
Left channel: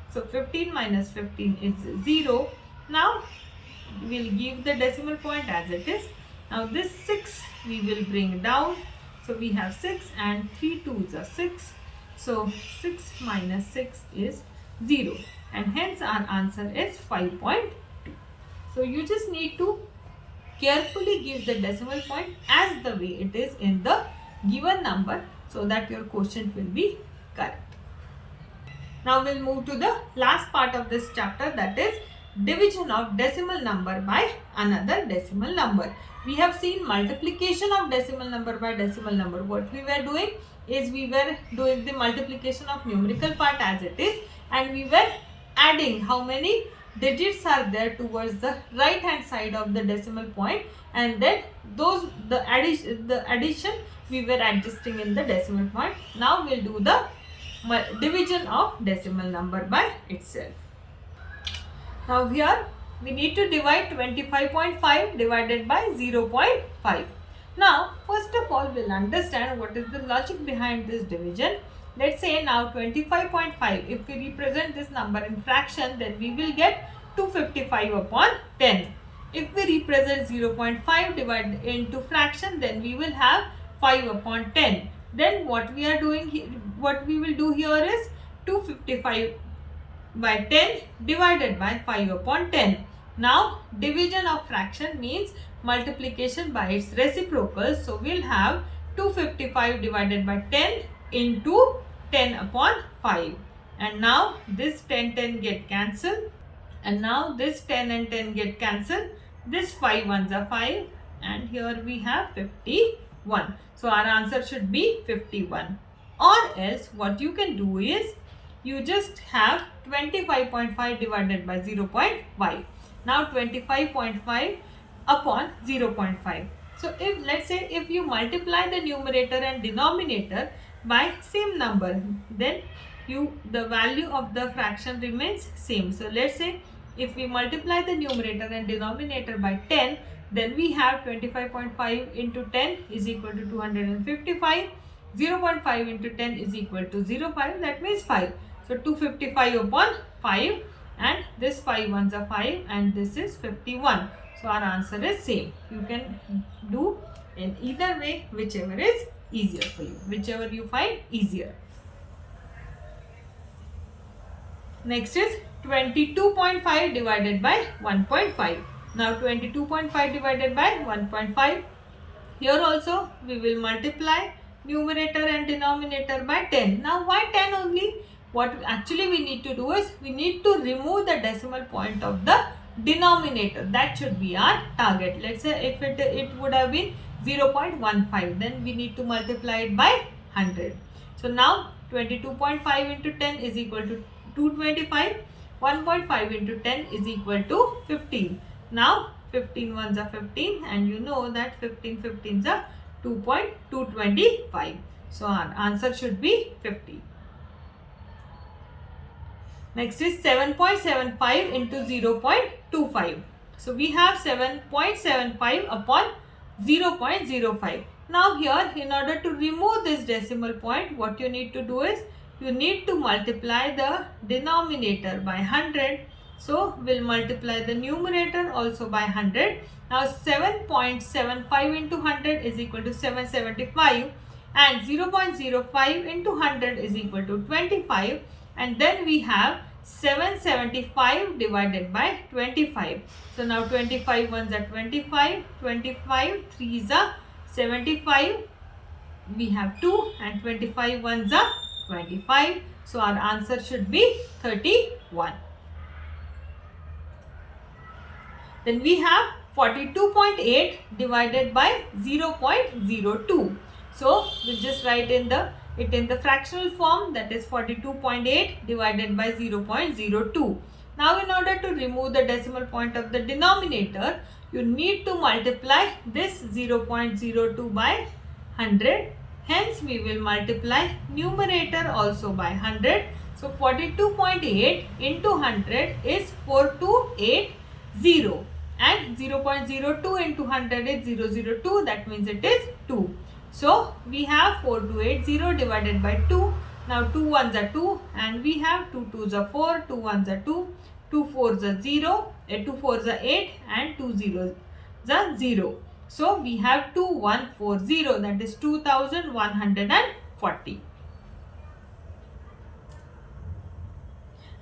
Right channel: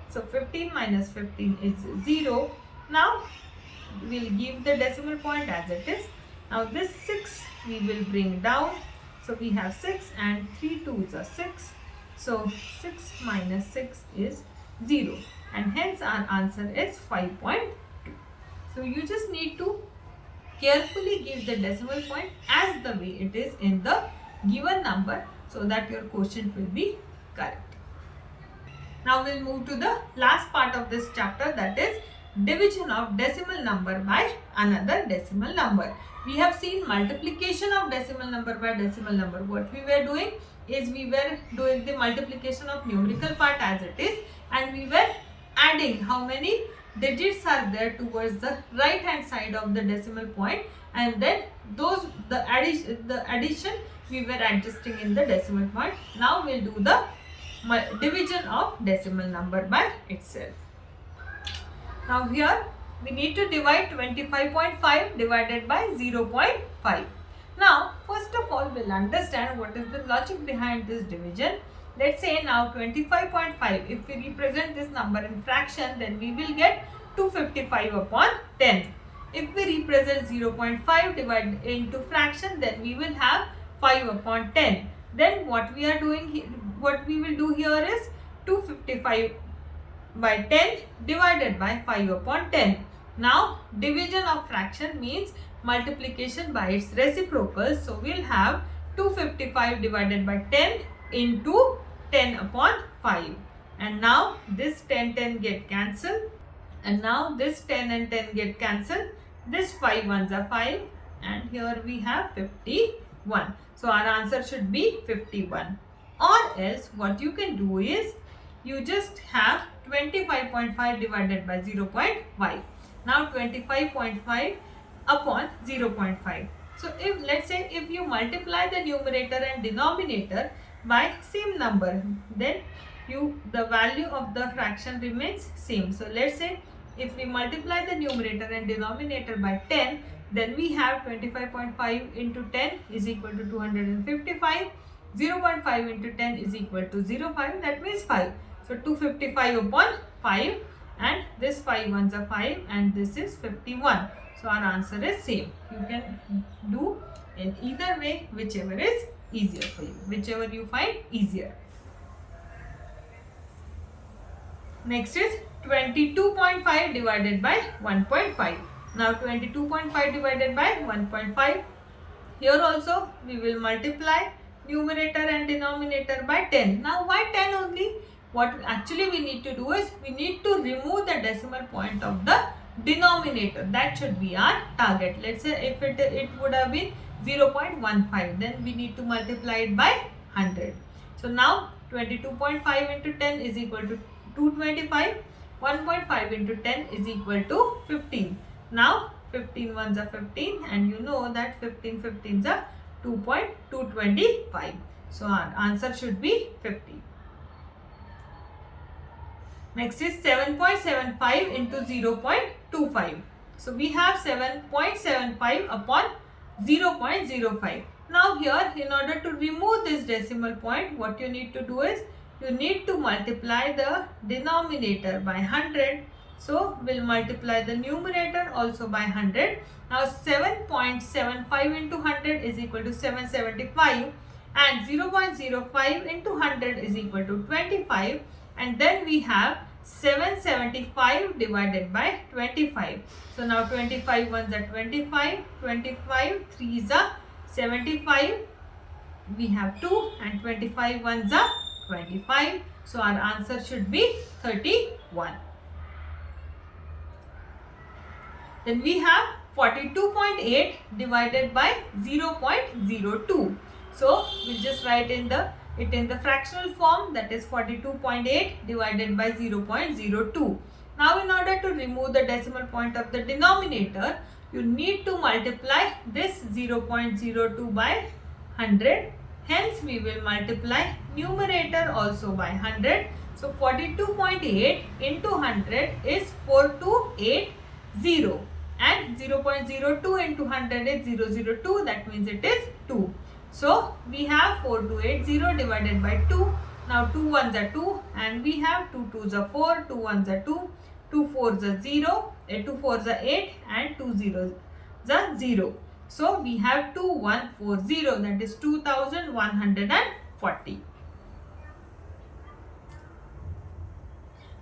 So 15 minus 15 is 0. Now we'll give the decimal point as it is. Now this 6 we will bring down. So we have 6 and 3 2s are 6. So 6 minus 6 is 0. And hence our answer is 5.2. So you just need to carefully give the decimal point as the way it is in the given number, so that your quotient will be correct. Now we'll move to the last part of this chapter, that is division of decimal number by another decimal number. We have seen multiplication of decimal number by decimal number. What we were doing is we were doing the multiplication of numerical part as it is, and we were adding how many digits are there towards the right hand side of the decimal point, and then the addition we were adjusting in the decimal point. Now we'll do the division of decimal number by itself. Now here we need to divide 25.5 divided by 0.5. Now first of all we'll understand what is the logic behind this division. Let's say now 25.5, if we represent this number in fraction, then we will get 255 upon 10. If we represent 0.5 divided into fraction, then we will have 5 upon 10. Then what we are doing here, what we will do here is 255 by 10 divided by 5 upon 10. Now division of fraction means multiplication by its reciprocal. So we'll have 255 divided by 10 into 10 upon 5. And now this 10 get cancelled. And now this 10 and 10 get cancelled. This 5 ones are 5. And here we have 51. So our answer should be 51. Or else what you can do is you just have 25.5 divided by 0.5. Now 25.5 upon 0.5. So if let's say if you multiply the numerator and denominator by same number, then the value of the fraction remains same. So let's say if we multiply the numerator and denominator by 10, then we have 25.5 into 10 is equal to 255. 0.5 into 10 is equal to 0.5, that means 5. So 255 upon 5, and this 5 ones are 5 and this is 51. So our answer is same. You can do in either way, whichever is easier for you, whichever you find easier. Next is 22.5 divided by 1.5. Now 22.5 divided by 1.5. Here also we will multiply numerator and denominator by 10. Now why 10 only? What actually we need to do is we need to remove the decimal point of the denominator. That should be our target. Let's say if it would have been 0.15, then we need to multiply it by 100. So now 22.5 into 10 is equal to 225. 1.5 into 10 is equal to 15. Now 15 ones are 15, and you know that 15 15s are 2.225. So our answer should be 50. Next is 7.75 into 0.25. So we have 7.75 upon 0.05. Now here, in order to remove this decimal point, what you need to do is you need to multiply the denominator by 100. So we'll multiply the numerator also by 100. Now 7.75 into 100 is equal to 775, and 0.05 into 100 is equal to 25, and then we have 775 divided by 25. So now 25 ones are 25, 25 threes are 75, we have 2, and 25 ones are 25. So our answer should be 31. Then we have 42.8 divided by 0.02. So we'll just write it in the fractional form, that is 42.8 divided by 0.02. Now in order to remove the decimal point of the denominator, you need to multiply this 0.02 by 100. Hence we will multiply numerator also by 100. So 42.8 into 100 is 4280, and 0.02 into 100 is 002, that means it is 2. So we have 4280 divided by 2. Now 2 ones are 2, and we have 2 twos are 4, 2 ones are 2, 2 fours are 0, 2 fours are 8, and 2 zeros are 0. So we have 2140, that is 2140.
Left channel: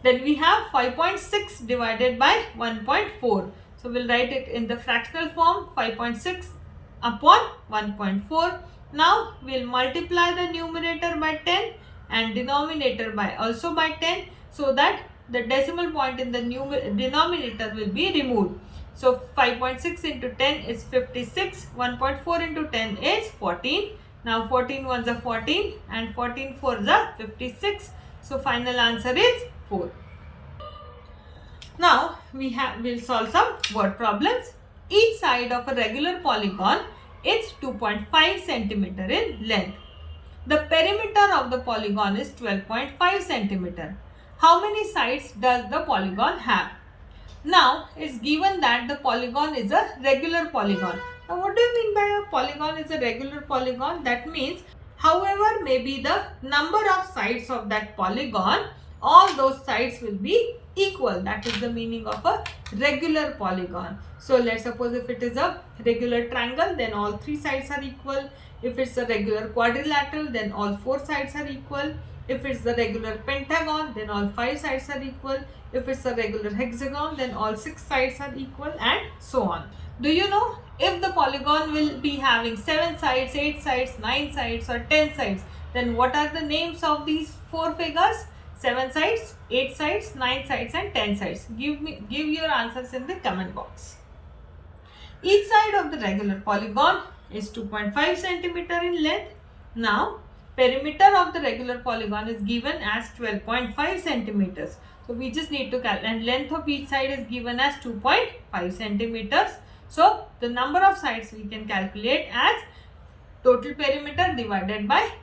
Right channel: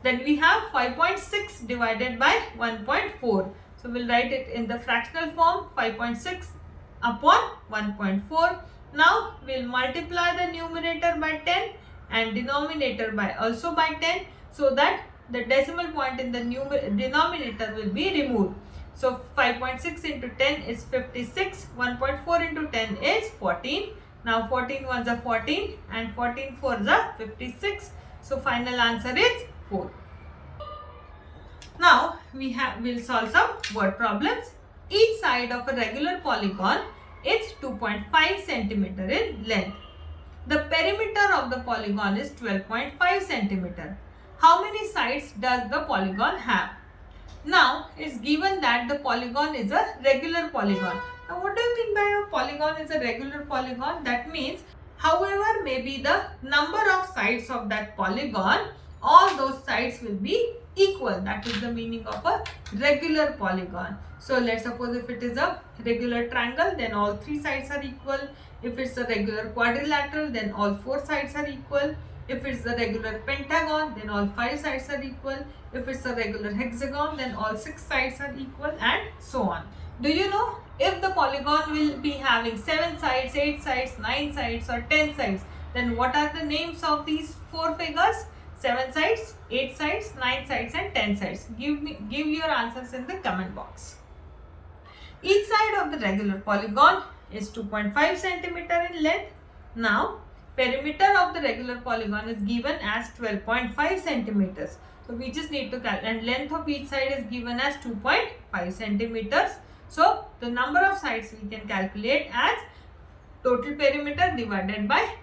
Then we have 5.6 divided by 1.4. So we'll write it in the fractional form, 5.6 upon 1.4. Now we'll multiply the numerator by 10 and denominator by also by 10, so that the decimal point in the denominator will be removed. So 5.6 into 10 is 56. 1.4 into 10 is 14. Now 14 ones are 14 and 14 fours are 56. So final answer is 4. Now we'll solve some word problems. Each side of a regular polygon is 2.5 centimeter in length. The perimeter of the polygon is 12.5 centimeter. How many sides does the polygon have? Now, it's given that the polygon is a regular polygon. Now, what do you mean by a polygon is a regular polygon? That means, however may be the number of sides of that polygon, all those sides will be equal. That is the meaning of a regular polygon. So, let's suppose if it is a regular triangle, then all 3 sides are equal. If it's a regular quadrilateral, then all 4 sides are equal. If it's the regular pentagon, then all 5 sides are equal. If it's a regular hexagon, then all 6 sides are equal, and so on. Do you know if the polygon will be having 7 sides, 8 sides, 9 sides or 10 sides, then what are the names of these 4 figures? 7 sides, 8 sides, 9 sides and 10 sides. Give your answers in the comment box. Each side of the regular polygon is 2.5 centimeter in length. Now, perimeter of the regular polygon is given as 12.5 centimeters. So, we just need to calculate, and length of each side is given as 2.5 centimeters. So, the number of sides we can calculate as total perimeter divided by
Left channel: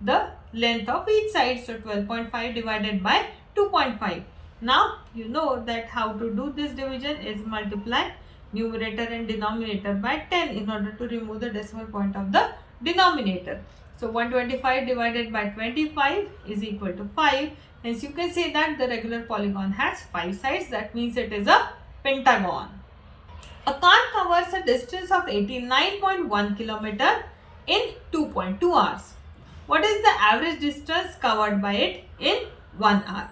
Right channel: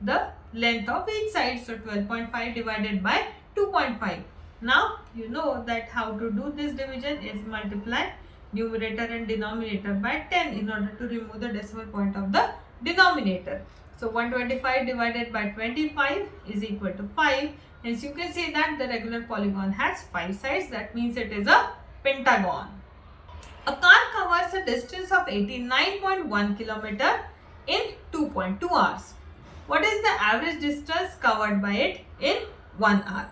the length of each side. So, 12.5 divided by 2.5. Now, you know that how to do this division is multiply numerator and denominator by 10 in order to remove the decimal point of the denominator. So 125 divided by 25 is equal to 5. Hence you can say that the regular polygon has 5 sides. That means it is a pentagon. A car covers a distance of 89.1 km in 2.2 hours. What is the average distance covered by it in 1 hour?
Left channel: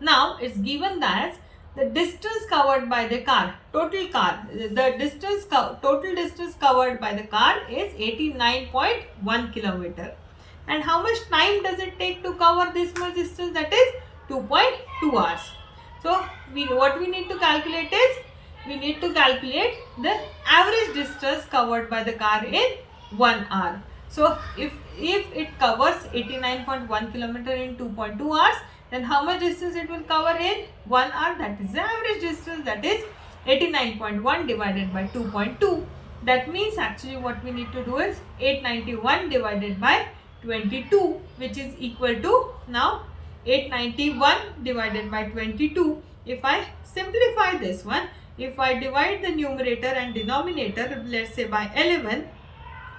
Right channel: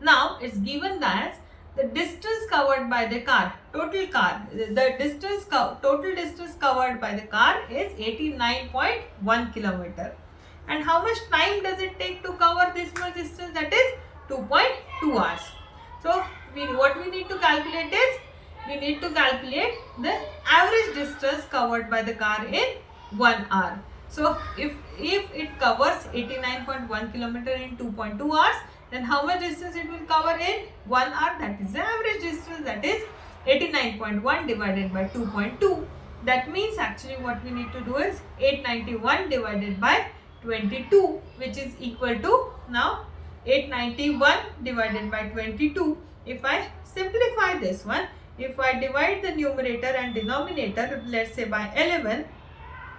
Now it's given that the distance covered by the car, total distance covered by the car is 89.1 kilometer. And how much time does it take to cover this much distance? That is 2.2 hours. So, what we need to calculate is, we need to calculate the average distance covered by the car in 1 hour. So, if it covers 89.1 kilometer in 2.2 hours, then how much distance it will cover in 1 hour? That is the average distance, that is 89.1 divided by 2.2. That means actually what we need to do is 891 divided by 22, which is equal to now 891 divided by 22. If I simplify this one, if I divide the numerator and denominator, let's say by 11,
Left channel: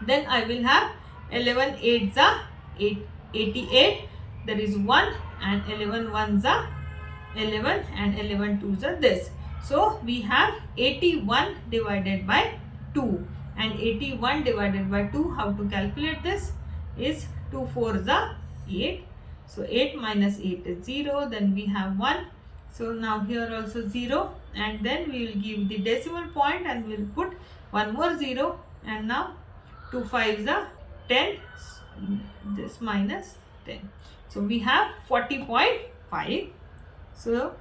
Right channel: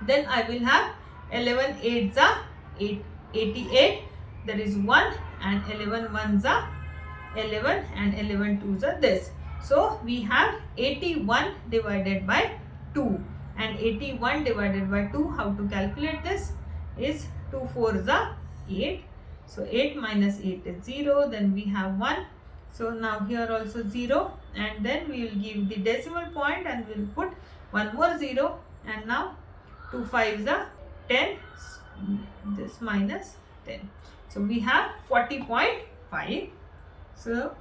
then I will have 11 8s are 88. There is 1 and 11 1s are 11 and 11 2s are this. So, we have 81 divided by 2, and 81 divided by 2, how to calculate this is 2 4s are 8. So, 8 minus 8 is 0, then we have 1. So, now here also 0, and then we will give the decimal point and we will put one more 0, and now 2 5s are 10, this minus 10. So, we have 40.5. So,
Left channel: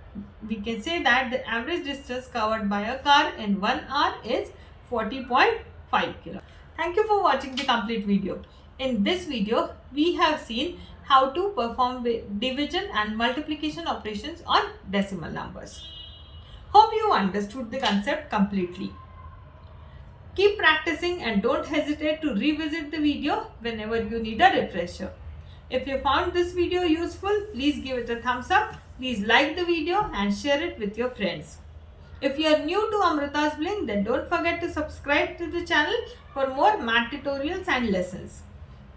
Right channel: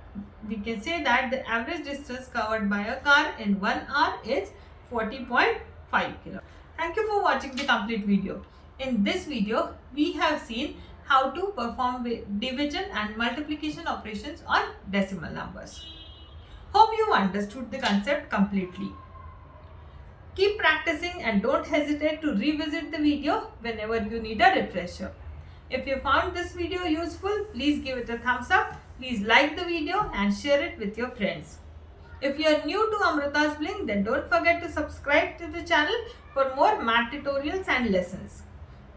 we can say that the average distance covered by a car in 1 hour is 40.5 km. Thank you for watching the complete video. In this video, we have seen how to perform division and multiplication operations on decimal numbers. Hope you understood the concept completely. Keep practicing and don't hesitate to revisit the video whenever you need a refresher. If you found this video useful, please give it a thumbs up. Please like the video and share it with your friends. If you are new to Amrita's Bling, then don't forget to subscribe to the channel for more math tutorials and lessons.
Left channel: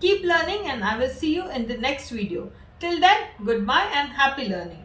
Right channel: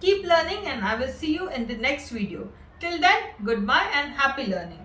Keep learning, and I will see you in the next video. Till then, goodbye and happy learning.